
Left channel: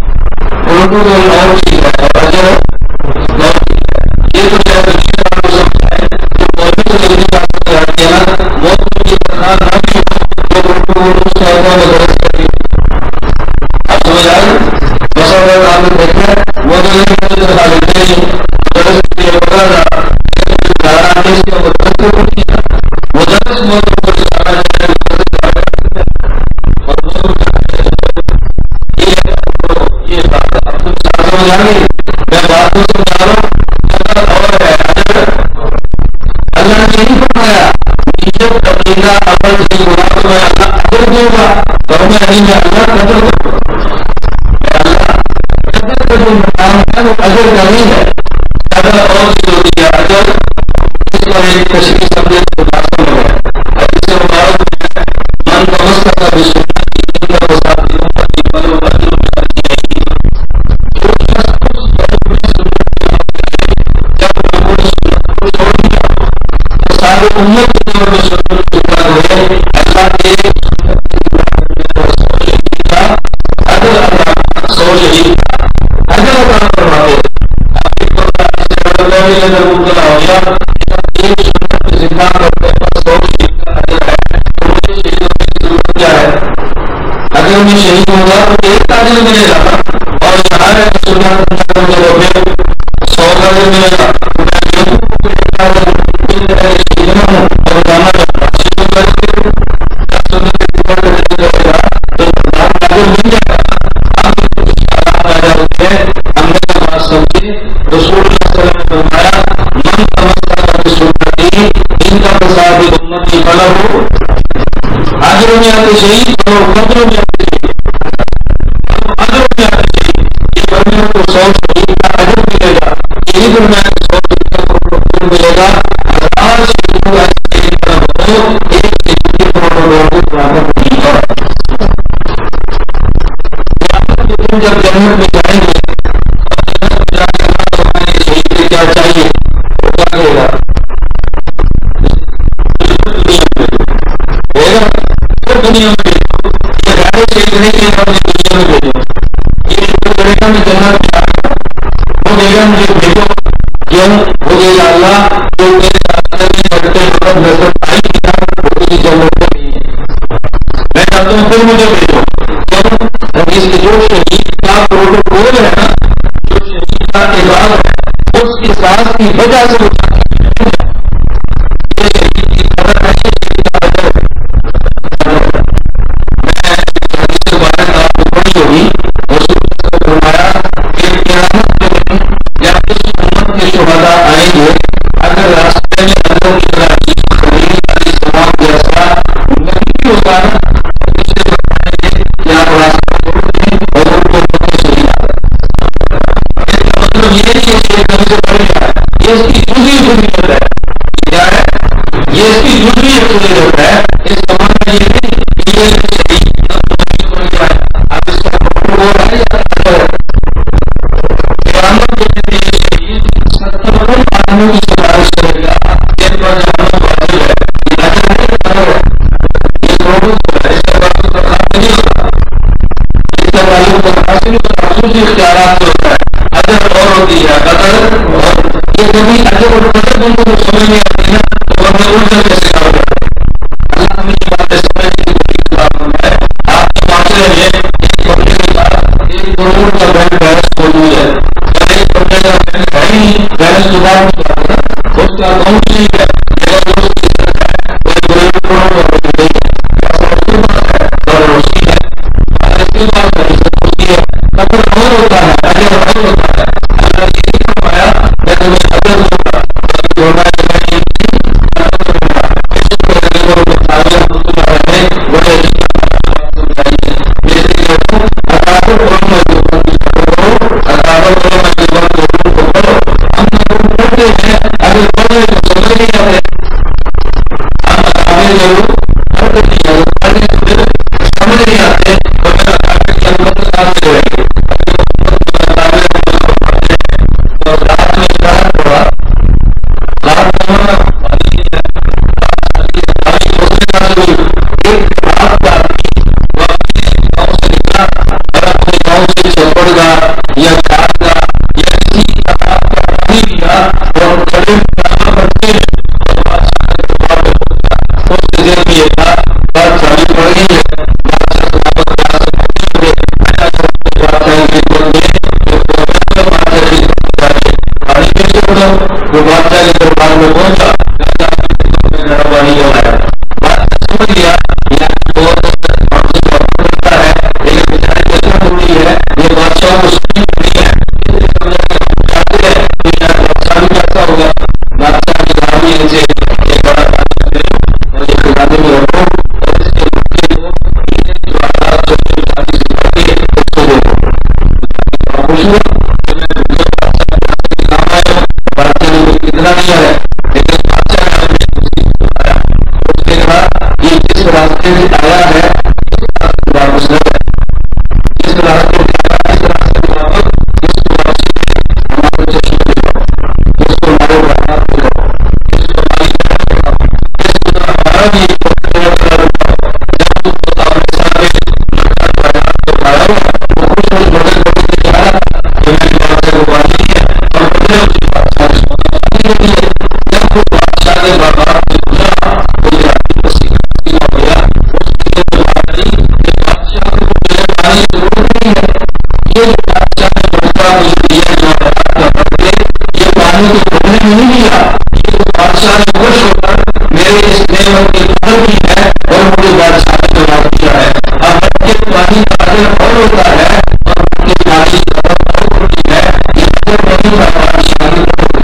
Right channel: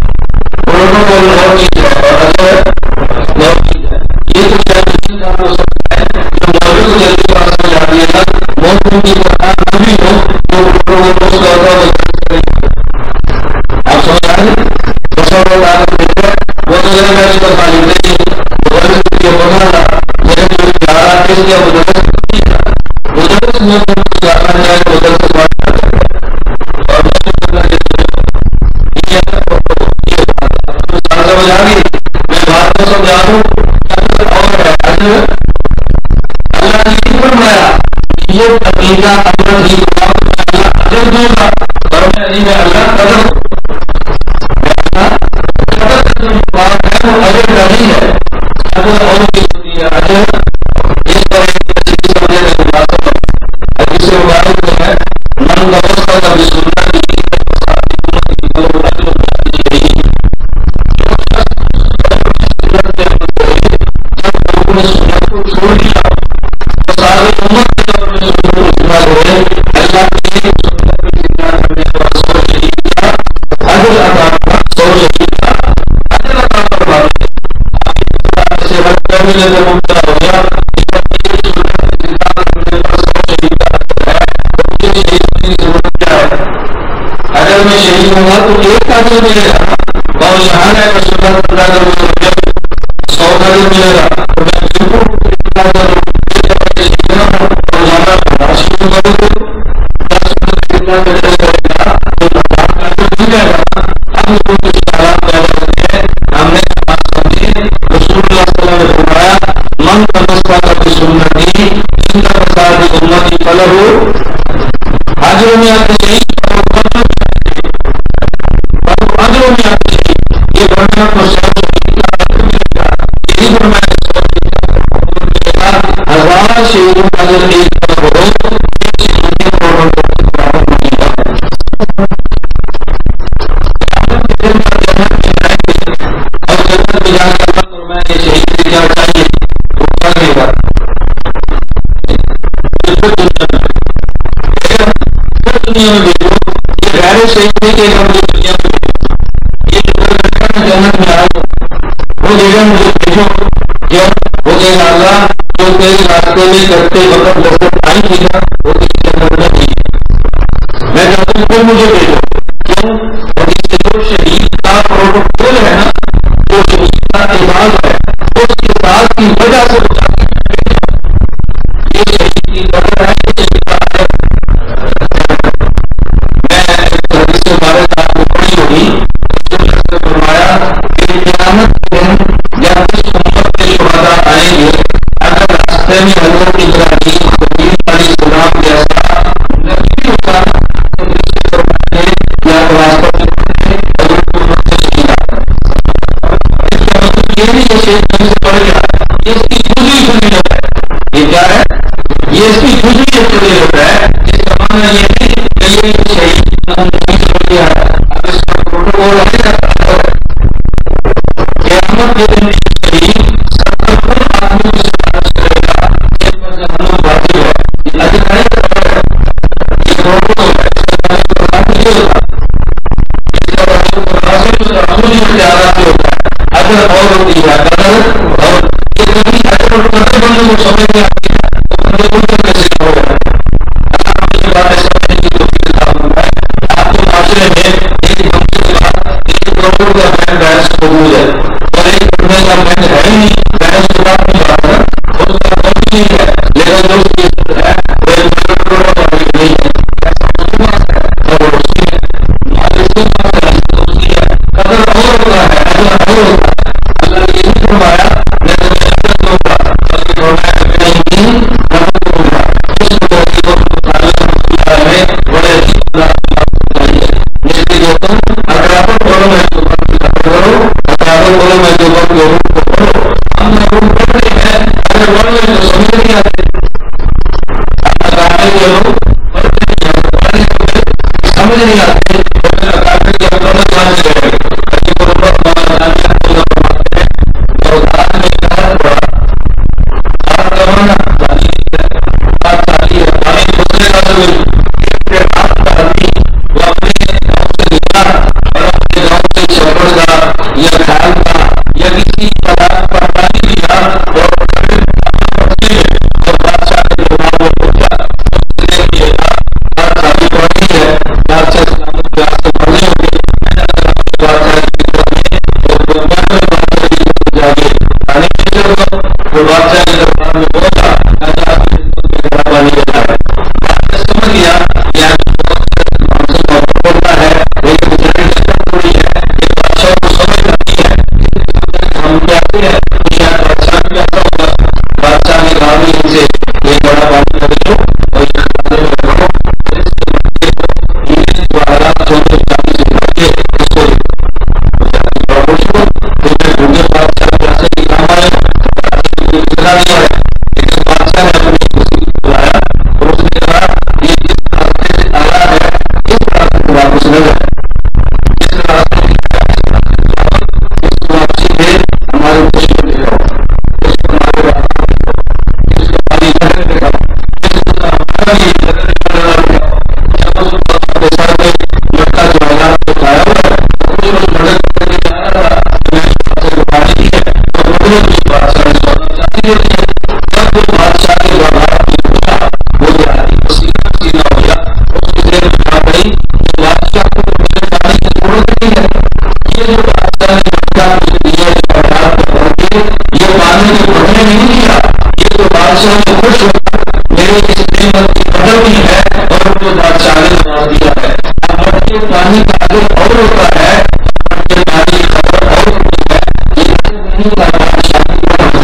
پروٹوکول اور چیز ہے اور اجر اور چیز ہے. یہ تو شاید اسی طرح کو سمجھائے جو موجود کو جلدی بات سمجھ آ رہی ہے نا. موجود کی تنخواہ نہ بھی ہو تو پروٹوکول اس کا درست کرے گی. آپ سمجھ آئے بس اور آپ دیکھیں وہ تو میرے میری طرف لیتے نہیں. مدرس کے لیے ہوتا تھا میرے جو پیارا ٹیسٹ کیا مدرس کو نہیں تھا. مدرس موسم کو سلانا چاہے مدرس سے بات کر سکتے ہیں اور موسم کرنا چاہیے. یہ ہے یہ بات ہے. اب تم ساتھ سمجھ آ گئی. میں بات کو سمجھا رہا ہوں، قدر اور ہے اجر اللہ نے نہیں فرمایا نیت عقیدہ عمل ٹھیک ہوا تو میں اللہ اجر دوں گا، فرمایا نہیں میں اللہ قدر میں اللہ قدر کا جو مقام ہے وہ اجر کا نہیں ہے، قدر اور چیز ہوتی ہے، اجر اس پر ایک تشریح سمجھے تو بات سمجھ ہے۔ حدیث مبارک میں ہے من تمسک بسنتی عند فساد امتی فلو اجر بأجرہ، جو شخص سنت پہ عمل کرے جب لوگوں نے سنت کو چھوڑ دیا تو سارے امت کے طور پر سنت کو زندہ کرے، اللہ ایک سنت کو زندہ کرنے پر 100 شہید کا اجر عطا 100 شہید کا اجر عطا فرماتے۔ آپ ایک ایسے رضا بھی نظر مبتلا ہو گیا ایک سنت کو زندہ کرنے پر 100 شہید کا اجر ہے تو مجھے شہید ہونے کی ضرورت کیا ہے؟ اگر میں شہید ہوں گا تو ایک کا اجر ملے گا، اور یہاں ہے کہ سنت زندہ کرنے پر 100 کا اجر ملے گا، تو میں بالکل ایک کا اجر شہید ہوں اور جانا چاہوں شہید کرے تو سنت زندہ کرنے پڑے گا تو برداشت کا اجر مل جائے گا۔ اب لوگوں کو کچھ حالات پیدا ہوتے ہیں، ہم نے یہ بات سمجھی، رسول اللہ صلی اللہ علیہ وسلم نے فرمایا من تمسک بسنتی عند فساد امتی فلہ اجر میں آتے شہید فلہ قدر میں آتے شہید فلہ اجر میں آتے شہید، یہ فرمایا کو 100 شہید کا اجر ملے گا، یہی فرمایا 100 شہید کا اجر ملے گا، 1000 شہیدوں کا اجر ایک طرف ہو، ایک شہید کے پروٹوکول کے برابر نہیں ہے۔ قیامت کے دن جب جنت میں جائیں گے اور جنت میں جا کے اللہ فرمائے یہ شہید سے کیا چاہیے، وہ کیا کہے گا؟ بالکل دنیا میں بھیجو، پھر دنیا میں بھیجو، یہ غیر شہید نہیں کہے گا مجھے دنیا میں بھیجو، یہ شکر کرے گا میں جنت میں آ گیا، وہ کہے گا مجھے بھیجو، کیوں؟ وہ کہے گا اللہ جو تیرے راستے میں کرتے وقت لذت آئی تھی نا وہ کسی جنت میں نہیں ہے، میں چاہتا ہوں پھر مجھے بھیجو، کیوں؟ حدیث کے جو شہید کا پروٹوکول ہے نا، جو شہید کا اعزاز ہے اس کے ساتھ کی وجہ سے وہ چاہتے ہیں مل جاؤ، یہ شہید کی قدر ہے، یہ شہید کا اجر ہے۔ میں ایک حدیث مبارک آپ کو پڑھی ہوگی، رسول اللہ صلی اللہ علیہ وسلم نے فرمایا کہ قیامت کے دن جب اس امت کے شہداء آئیں گے اگر راستے میں حضرت ابراہیم خلیل علیہ السلام جیسا نہیں بھی ہوتا نا تو اس سے فرمائیں گے کہ آپ راستہ چھوڑ دیں اور ان کو امت میں شہید آ جائے۔ اس کا مطلب یہ نہیں ہے شہید کہیں سے پڑھ گیا ہے، یہ اس کی جزوی فضیلت ہے، یہ کیا ہے؟ یہ اس کی جزوی فضیلت ہے، اس کا معنی یہ نہیں کہ یہ شہید نہیں پڑھ گیا ہے، اب اس کا پروٹوکول ہے یا اجر ہے۔ قیامت کے دن ایک شہید 70 آدمیوں کی سفارش کرے گا جن پر جہنم واجب ہے، یہ اجر ہے یا اجر ہے؟ یہ پروٹوکول ہے، اس کا تعلق برخاست نہیں ہوتا، اس کا تعلق برخاست نہیں ہوتا، خصوصی اختیارات سے ہوتا ہے، اجر اور ہوتی ہے قدر، اور یہ کبھی اجر اور قدر بندوں کو سمجھ نہیں آتی نا تو بندے الجھن میں شکار ہو جاتے ہیں۔ اللہ ہمیں یہ باتیں سمجھنے کی کوشش عطا فرمائے۔ آپ کے معاشرے میں ایک بندے کے بعد 1 کروڑ کا بینک بیلنس موجود ہے اور ایک بندے کا بینک ہے ہی نہیں، بیلنس تو بات کی بات ہے نا، اس کا اکاؤنٹ نہیں ہے لیکن جو اس کی عزت ہے وہ 1 کروڑ کا نہیں ہے، پیسہ اس کے پاس ہے اور اس کی ہے، مال اس کے پاس ہے، عزت اس کی ہے، قدر اور ہوتا ہے، اجر اور ہوتا ہے۔ اللہ نے یہ نہیں فرمایا میں تمہیں اجر دوں گا، بلکہ فرمایا کہ میں یقین قدر دوں گا۔ اس طرح کو رحمۃ اللہ علیہ بڑے عجیب انداز سے بات سمجھائی ہے۔ میں اس لیے کہتا ہوں اکابر علماء دیوبند کی قدر کرو، اکابر علماء دیوبند کے علوم کو پڑھو۔ ہم علوم پڑھتے ہیں، اگر پڑھ رہے تو سمجھ نہیں آتے، ہم اکابر کے علوم پڑھتے نہیں ہیں، اگر پڑھ رہے تو پھر سمجھ نہیں آتے، تو پھر اکابر کی ہم قدر کہاں سے کریں گے؟ اور رات میں اشارت پڑا، رات کا مانا چالی ہے، رات چالی ہے، پانی دوسرے کا سے ہوئی ایک پہ رات کا آدمی وہ اپنے گاؤں سے نکلا اور اپنے گاؤں سے چپڑ گا یا کھال کا یا کسی تالاب کا پانی لیا اور کھڑے پڑتے ہیں اور بادشاہ کے دربار میں پہنچا، اس سے ذہن یہ تھا رات چالی پڑ گئی ہے، بادشاہ سلامت پیار سے پڑھنے ہوں گے، میں جا کر اپنے بادشاہ کی خدمت میں بادشاہ کی جا کے پانی پیش کر دو۔ جو بادشاہ کے دربار میں پہنچا میرا پانی ہو رہا ہے، بادشاہ سمجھ گیا یہ بہت ہم سے محبت کرتا ہے لیکن بیچاری کی اثر تھوڑی ہے، یہ بادشاہ کو سمجھ نہیں ہے، اس نے سمجھا کہ ہم چاہتے ہیں بنا دیا ہے، لیکن بادشاہ نے اپنے کسی کو بلایا اور اس نے کہا یہ جس راستے سے آیا ہے اس راستے سے واپس نہ جائے، جس راستے سے آیا اس راستے سے واپس، اس کو واپسی پہ ہمارے چشمے دکھاؤ، اس کو ہمارے رحمات دکھاؤ، اس کو ہماری جہر دکھاؤ، اس کو ہمارا بھی دکھاؤ۔ جب اس اپنے سر پہ مٹکا جواہرات کو کھایا ہوا ہے وہ خوش خوش بڑک بڑک کے چاہ رہا تھا کہ میں نے بادشاہ کو پانی دی ہے اور بدلے اس بادشاہ نے سونا چاندی دے دی ہے۔ جب اس بادشاہ کے باغات میں گزرا وہ دیہاتی پسینہ پسینہ ہو گیا، اس کی ذہن میں بات آئی کہ بادشاہ کو تو میرے پانی کی ضرورت نہیں ہے، یہ جو بادشاہ نے مٹکا مجھے دیا جواہرات کا بھر کے یہ پانی کو پڑھنے میں نہیں دیا، یہ تو بادشاہ نے خوش ہو کر میرے اس نعمت کی قدر کی ہے اور مجھے بادشاہ نے جواب دیا ہے۔ اب مٹکے پانی کا اجر اور ہوتا ہے اور مٹکے پانی کی قدر اور ہوتی ہے، یہ اجر نہیں تھا بادشاہ کی طرف سے،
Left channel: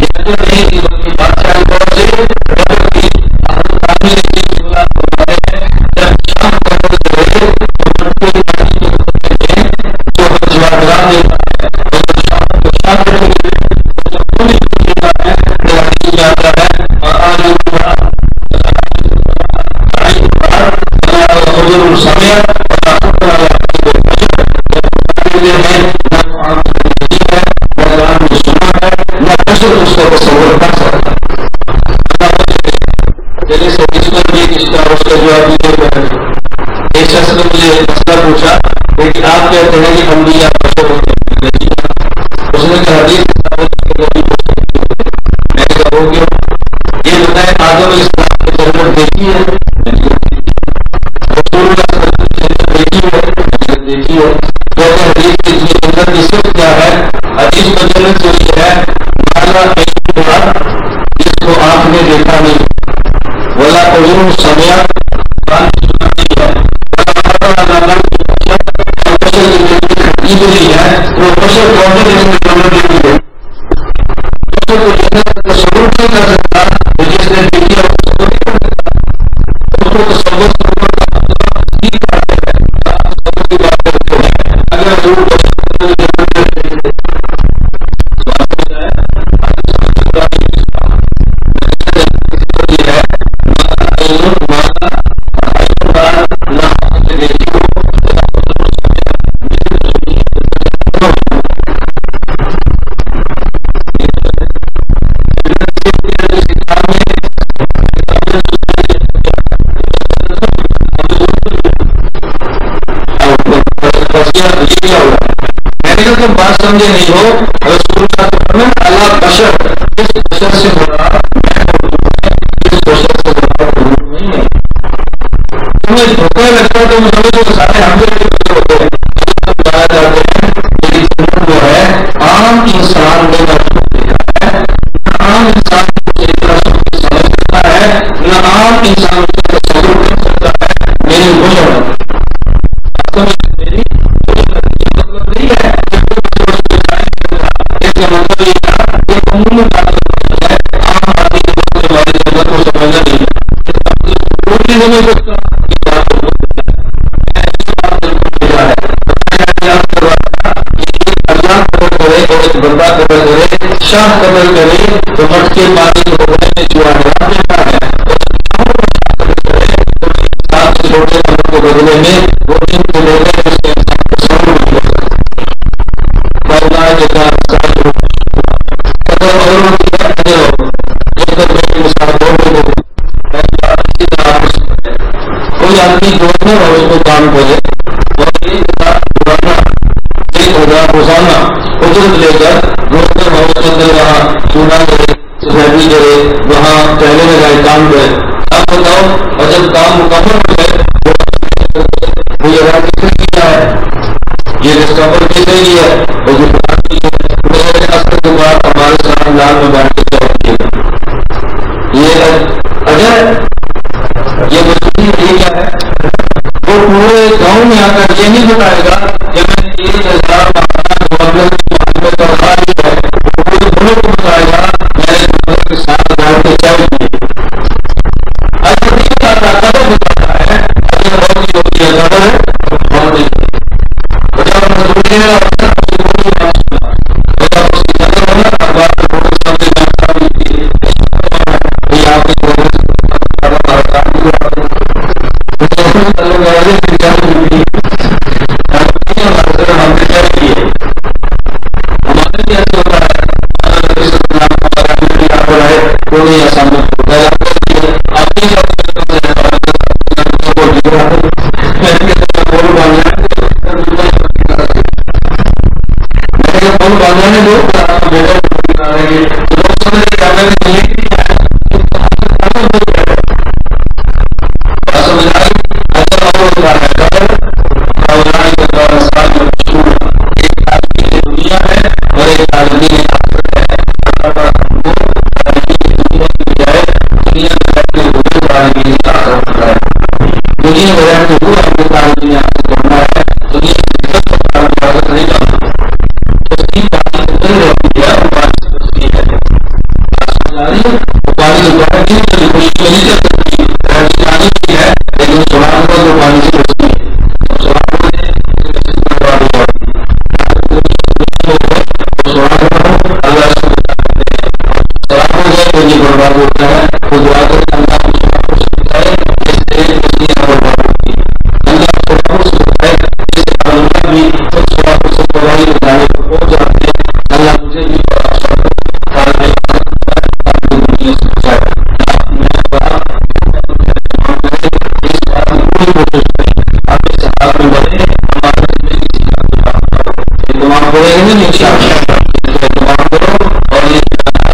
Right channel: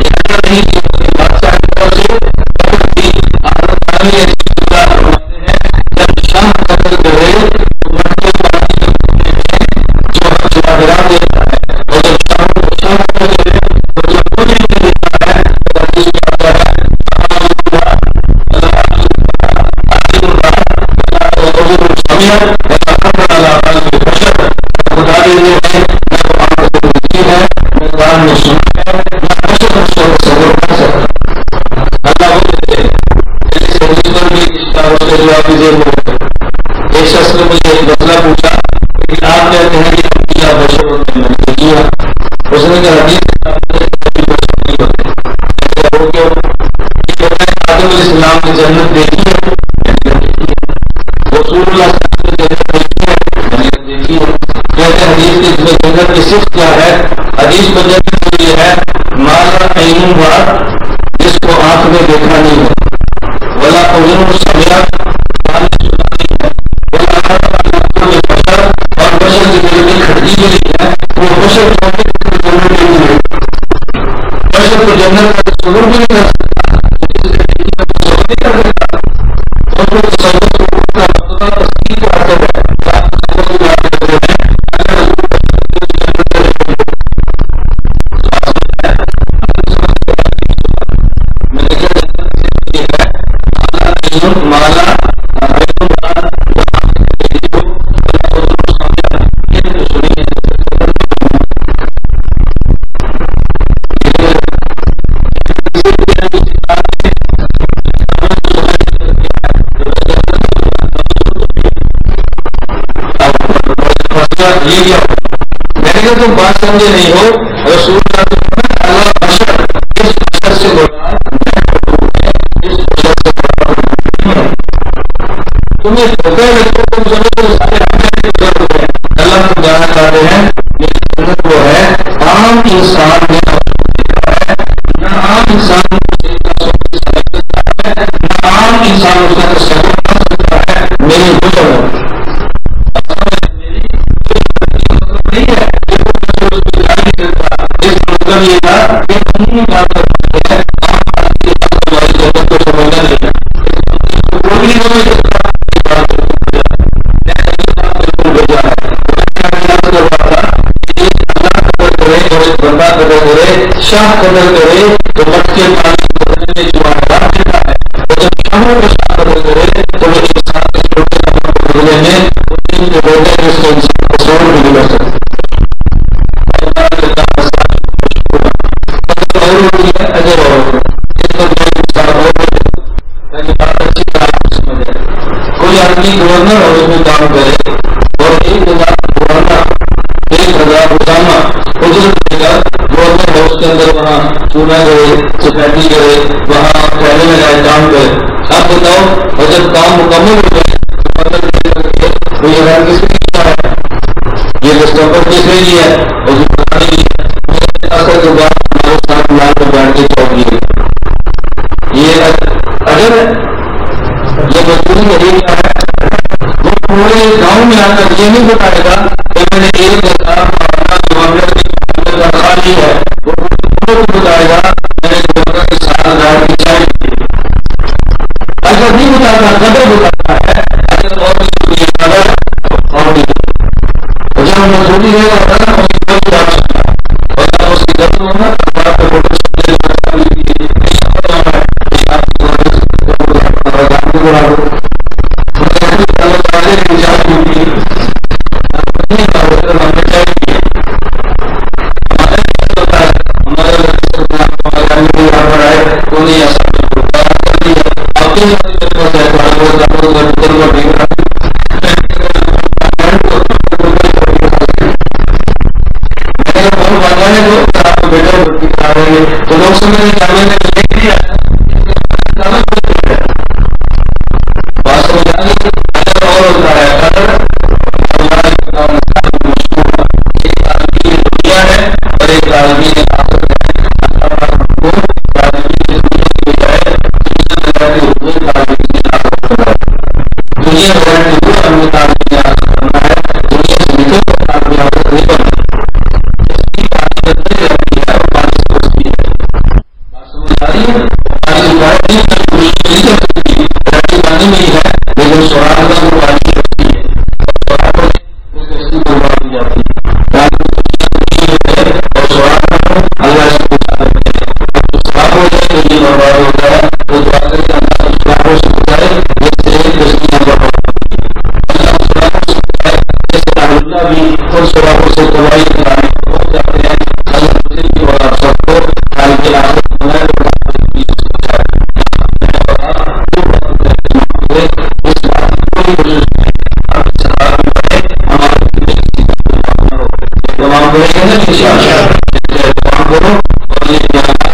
یہ اجر نہیں تھی بلکہ بادشاہ کی طرف سے قدر تھی۔ حضرت علی علیہ السلام فرماتے ہیں جب شاہ قدر کرے تو مٹکے پانی کے کھولنے میں جو جواہرات دیتا ہے اور جب شاہ کو شاہ قدر کرے تو جب وہ نہیں دیتا ہے پھر حدیث میں آتا ہے خدا دیتے ہیں نہ تو آنکھ سے نہیں ہے نہ کان نے سنا ہے نہ بشر اس کو تصور کر سکتا۔ اللہ وہ دیتے جیسے حدیث پر بھی اس کا جواب بھی دے رہے۔ ایک شخص نے مجھے ایک مسئلہ پوچھا کہ آپ کہتے ہیں کہ انبیاء بشر ہوتے ہیں، میں نے کہا جی ہاں۔ اس نے کہا حدیث کبھی بشر نہیں ہوتے، میں نے کہا وہ کیوں؟ یہ بتائیں آدم علیہ السلام نے جنت دیکھی ہے، میں نے کہا دیکھی ہے۔ رسول اللہ صلی اللہ علیہ وسلم نے جنت دیکھی ہے، میں نے کہا دیکھی ہے۔ کہتے ہیں حدیث کی جنت کی صفت کیا ہے؟ حدیث میں جنت سے یہ ہے مالا عین رات، جس کو آنکھ نے دیکھا نہیں ہے، ولا اذن سمعت، کان نے سنا نہیں ہے، ولا خطر علی قلب بشر، اور بشر کی دل کی کھٹکی بھی نہیں ہے۔ وہ بشر کون سے جس نے جنت دیکھی ہے؟ بشر کو جنت کا تصور بھی نہیں کر سکتا، تو جس نے دیکھی ہے وہ تصور نہیں کر سکتا۔ اس کو تصور سے اوپر کا مطلب تصدیق کا اثر ہے، آپ تصور کی بات کرتے ہیں اگر حضور بشر کو جنت دے رہے ہیں سوال سمجھتا ہے میں نے کہا جنت کسی پر یہ ہے مالا عین مالا عین رات نہ آپ نے دیکھی ہو بلا حضور سمجھا یہ تو سنی ہے یہ کیا ہوگا؟ میں نے کہا تم بات سمجھے نہیں ہو، رسول اللہ تو فرمایا اللہ بشر، اس بشر سے مراد میں ہے، اس بشر سے مراد نہیں ہے۔ تمہیں دھوکہ لگتا ہے تم سمجھو کہ سارے ہم جیسے بشر ہوتے ہیں، اللہ تم جانا چاہتے ہیں میری جنت وہ ہے عام انسان نے نہ اس کو دیکھا ہے، نہ عام انسان اس ایک طرح سب سمجھ سکتا ہے، نہ عام انسان اس کا تصور کر سکتا ہے، میری بشر ہے۔ میری مطلب نہیں ہے کہ کوئی بچہ اس کو جان نہیں سکتا، اس کا مطلب یہ تھا کہ عمومی بات کرنا ہے، عام آدمی کے پاس ہماری جنت کو سمجھنا نہیں ہے، اس کا مطلب کوئی نہیں سمجھ سکتا۔ یہ بات بالکل بھیجا ہے، میں نے یہ بات بالکل بھیجا ہے۔ میں کیا خیال کر رہا تھا کہ ایک اللہ قدر کرے اور ایک بندہ قدر کرے، شاہ قدر کرے تو مٹکے پانی کے بدلے میں جواہرات دیتا ہے، اور جب شاہوں کو شاہ قدر کرے تو وہ انسان کے چھوٹے عمل کو بدلے میں وہ دن کے بیٹے میں اس کو انسان کو سور بھی کر سکتے۔ قدر اور ہوتی ہے اجر اور ہوتا ہے۔ ایک بار میں ایک مثال اور دے دوں، میں نے بات اچھی طرح آپ کو سمجھ آئے۔ کوئی آدمی گورنر ہاؤس میں کام کرے اور 1000 روزانہ اجرت لے کر گورنر ہاؤس کے اندر وہاں چونا کرے، سفیدی کرے، وہاں پہلے لگائے کام کرے۔ اب بتاؤ اور جب کام مکمل ہو جائے وہ اندر لے کر کے وہ یہ کس نے کیا ہے، یہ ڈسکمفرٹ کس نے لیا ہے، اور جو پرانی لی ہے میرے اثر کے بعد ہمارے ساتھ لال میں بیٹھ کے چائے پیے گا، یہ اجر ہے، یہ مزدوری ہے، یہ کیا ہے؟ وہ پورے گاؤں میں آ کر یہ نہیں بتائے گا کہ میں نے 1000 ماہانہ گورنر کی معاملے پر خالی ہے، وہ پورے ملک کو بتائے گا میں نے گورنر کے ساتھ بیٹھ کے چائے پیے۔ اجر نہیں بتاتا، قدر بتاتا ہے، اجر اور نہیں ہوتی ہے، قدر اور نہیں ہوتی۔ اور جب مزدوری ہے اور اس کی کوئی بات سننا، اور جب اس کی قدر ہونا تب بات کا فوٹو ٹکڑا دو تعلق کی چائے ہوتی ہم نے چائے کی ہے. ہمارا بھی ایسا ہوتا ہے. ہمارا نبی صلی اللہ علیہ وسلم ہمارے امیر یہاں پر آئے تو نہیں آسان میں تیار کر دیا. آپ کے ساتھ میرے پاس ہے لڑکے کو ڈگڑا فون باندھنا ہے تو میں نے فون باندھنا ہے وہ آپ کو بیٹا روٹی کھا رہے ہیں تو لوگ سمجھ رہے کہ میں نے لے کے دیا بات سمجھ آئی. اگر اور ہوتا ہے ایک طالبین دنیا ہے اور ایک طالبین آخرت ہے. ہم کو طالبین دنیا کی بجائے دنیا میں رہتے ہوئے طالبین آخرت کرنا ہے. دنیا میں رہتے ہوئے ہم نے طالبین آخرت کرنا ہے. دنیا سے نکل کر طالب آخرت نہیں بننا. کشتی پانی کے اندر رہتی ہے اور پانی سے بچتی ہے. سمجھ آ رہی ہے. وہ پانی جو ہے دن کبھی خوشی نہیں کر سکتی. رہتی پانی میں ہی ہے لیکن سوراخ کا جو پانی سے بچتی ہے. اب سوراخ میں برباد ہو جاتی ہے. اور سوراخ اللہ اس کو بچا لیتے ہیں. اور جو سوراخ ہو جائے تو یہ برباد ہوتا ہے. وہ دعا کر کے اللہ کو سوراخوں سے بچائے جیسے کشتیاں برباد ہوتی ہیں. اللہ سوراخوں سے بچائے جیسے اللہ بھی خود سوراخوں سے تباہی بنانے کو پہنچ جاتے ہیں. اللہ مجھے بھی اور آپ سب کو طالب آخرت بنائے اور طالب دنیا سے بچائے. میں اور آپ جو بات کرے اس بات کی کوئی کوشش نہیں. آپ اس حال میں بڑھے ہمارے دل میں کسی کا کوئی حق نہ ہو. اہتمام کرے گا نا اہتمام کرو اور یہ جانا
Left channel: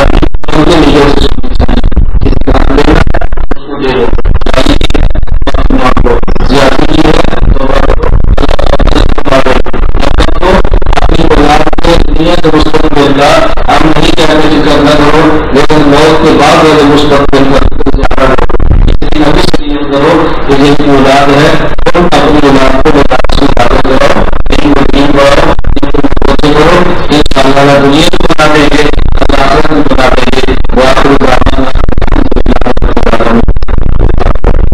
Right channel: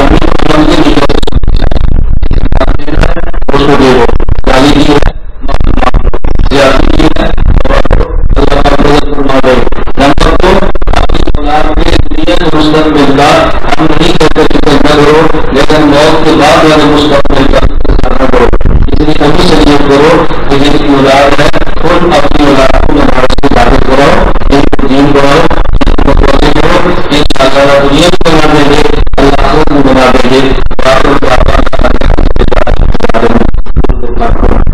ابھی ان کے لیے سے سننی چاہیے. کسی کا حق دینا ہے اس کو دے دو. گالی کی ہے معافی مانگ لو. زیادتی کی ہے توبہ کرو. اللہ کا فضل فرما دے. نمبر 2 اپنی اولاد کے لیے مستقبل کا ہم نہیں کہتے کہ کرنا کرو لیکن موت کے بعد والے مستقبل کا زیادہ کرو. اتنی نبی شریعت کرو کہ جن کی اولاد ہے ان اپنی اولاد کو مدارس کی عبادت کراؤ. ان کو دین پڑھاؤ. ان کو متوجہ کرو. ان شاء اللہ دنیا کو بنا دیں گے اللہ آخرت کو بنا دیں گے. وآخر دعوانا الحمدللہ رب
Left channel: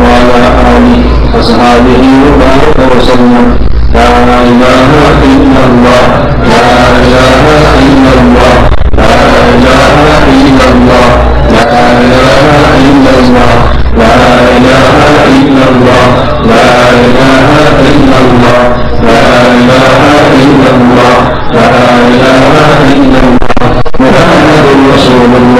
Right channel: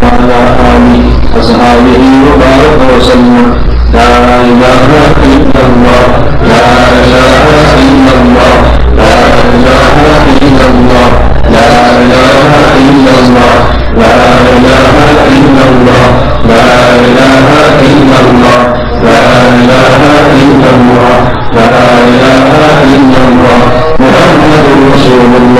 العالمین. وصحبه وبارك وسلم. لا إله إلا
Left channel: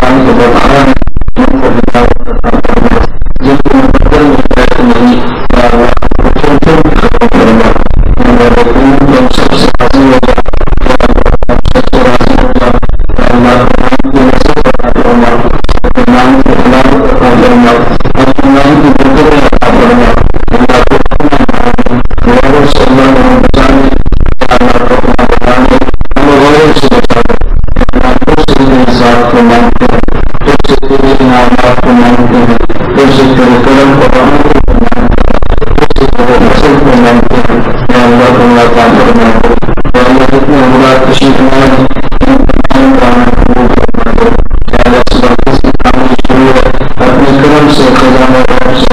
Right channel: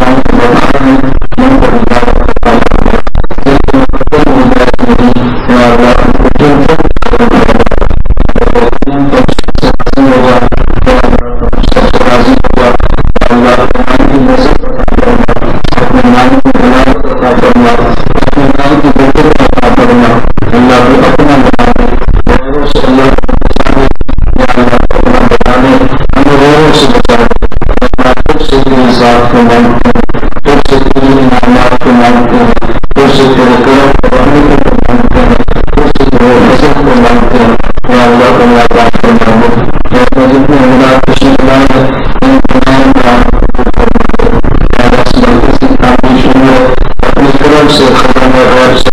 قرآن کو بڑھانا ہے ان کو ہدایت عطا فرما جن کو مقدم ہو جائے تو نہیں یا اللہ ان کو ختم کرنا ہم سب سے راضی ہو جا یا اللہ ہم سب سے راضی ہو جا یا اللہ قرآن کی نصرت عطا فرما اپنے نام کی علامت عطا فرما اپنے نام کی برکت عطا فرما اللہ کو اپنا بنا دے غیروں سے اللہ کو بچا لے یا اللہ کو اپنا بنا لے ہمیں غیروں سے بچا دے یا اللہ خود سے تیری ذات کو مانگتے ہیں خود سے تیری انعامات کو مانگتے ہیں خود سے تیرے کرم اور رحمتوں کو مانگتے ہیں خود سے تیرے فضل کو مانگتے ہیں یا اللہ کو عطا فرما دے یا اللہ جتنے اولاد تشریف لائے ہیں ان تمام کا قبول فرما دے یا اللہ اس برکت سے کام کی شروع ہے اپنے کرم سے خزانہ غیب سے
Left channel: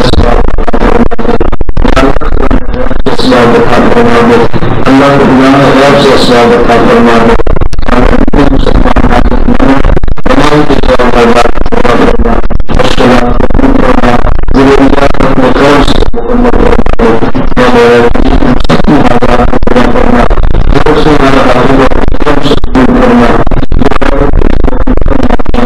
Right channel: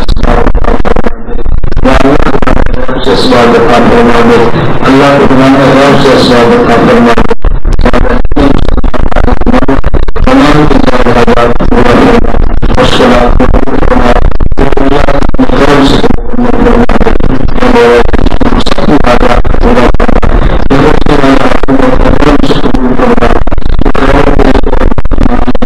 اسباب عطا فرما دے یا اللہ خزانہ غیب سے اسباب عطا فرما دے اللہ کو خزانہ غیب سے اسباب عطا فرما دے یا اللہ اتنے مسلمان حاجت مند تمام کے جواب حاجات پورا فرما اور صلاح قبول فرما ضروریات اپنے کرم سے مکمل فرما دے یا اللہ ہم سب کی حاجات کو پورا فرما یہ سے ہمارا آخر اپنے کرم سے قبول فرما یہ خیر کے اس کو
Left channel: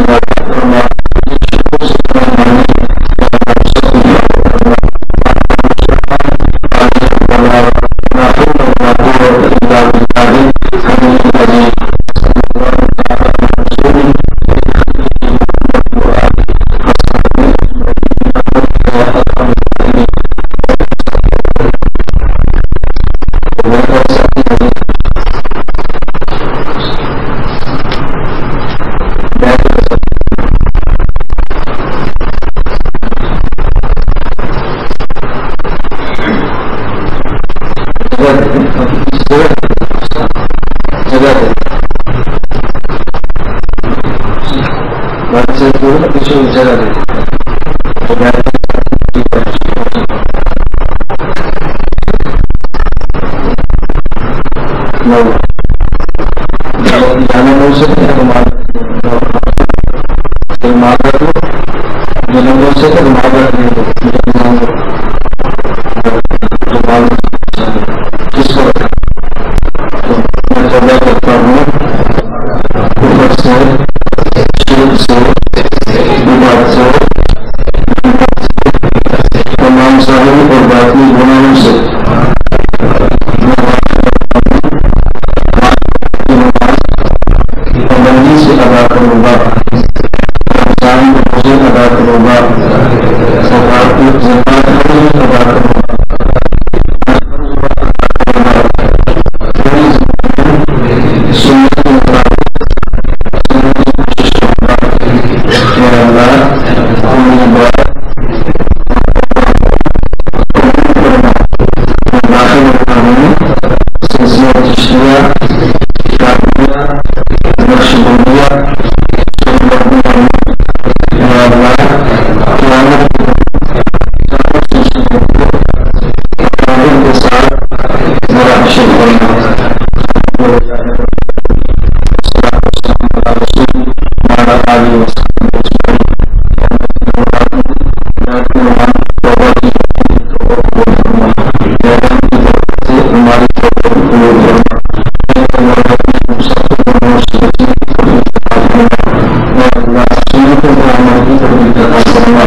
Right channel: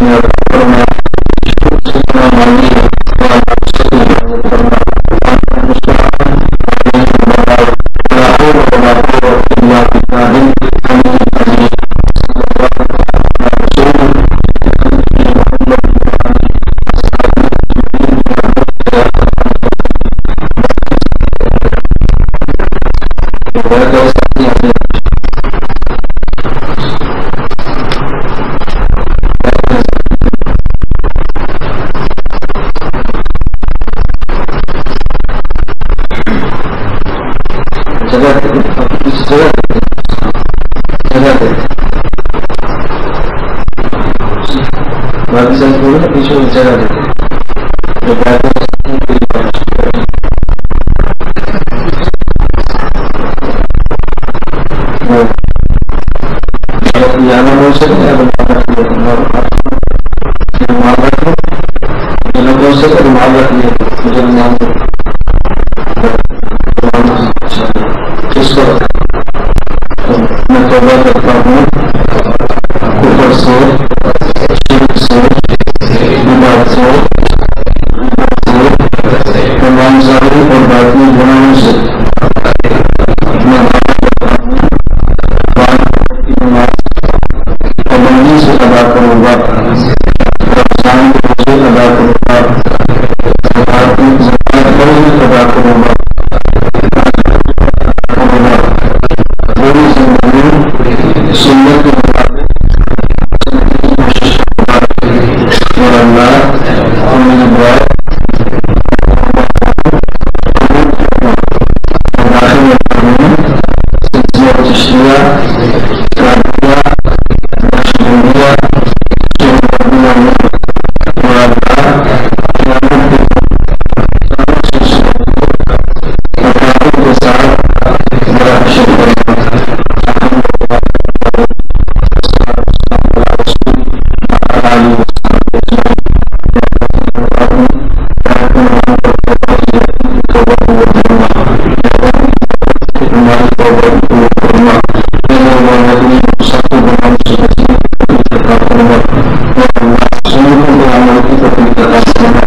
عطا فرما یہ شکر سے اتنا مانی ہے یا اللہ سب کی حاجت فرما آپ کا مستعان علیہ البلاغ لا حول ولا قوة الا بالله العلي العظيم صلی اللہ تعالی علی رسول محمد وآلہ اصحابہ اجمعین برحمتک یا ارحم الراحمین باقی سب کو پیچھے جگہ دیتے جو بیٹھے جانا بول سکتے ہیں رومال رکھ لیا رومال رکھ لو جو نہ بول سکے رومال رکھ لیا مجھے رومال دو رومال کس کو رکھا میں توبہ کرتا ہوں کفر سے شرک سے بدعت سے تمام ظاہری اور باطنی گناہوں سے میں وعدہ کرتا ہوں کی نماز پابندی سے ادا کروں گا رمضان کے روزے ادا کروں گا زکات ادا کروں گا پوری زندگی سنت کے مطابق سننے کی کوشش کروں گا میرا اللہ تم مجھے دعائیں قبول کرنا میں داخل ہوتا ہوں سلسلہ چشتیہ قادریہ نقشبندیہ سہروردیہ میں میرا اللہ قیامت کے دن سلسلوں کو اکابر کے ساتھ میرا حشر کرنا الحمدللہ والصلاۃ والسلام علی رسول وعلی آلہ وصحبہ اجمعین توبہ کی توبہ قبول فرما کی برکت سے ہماری توبہ قبول فرما سب گناہوں سے بچنے کی توفیق عطا فرما اور اللہ سنتوں پر عمل کی توفیق عطا فرما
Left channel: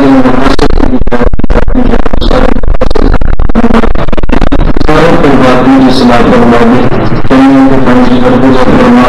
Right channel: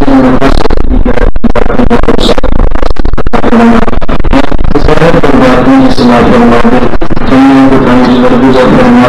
دن مقاصد کی سارے مقاصد عطا فرما ظاہر پر باطنی اصلاح فرما دے جنوں کو تنجی درگزر فرما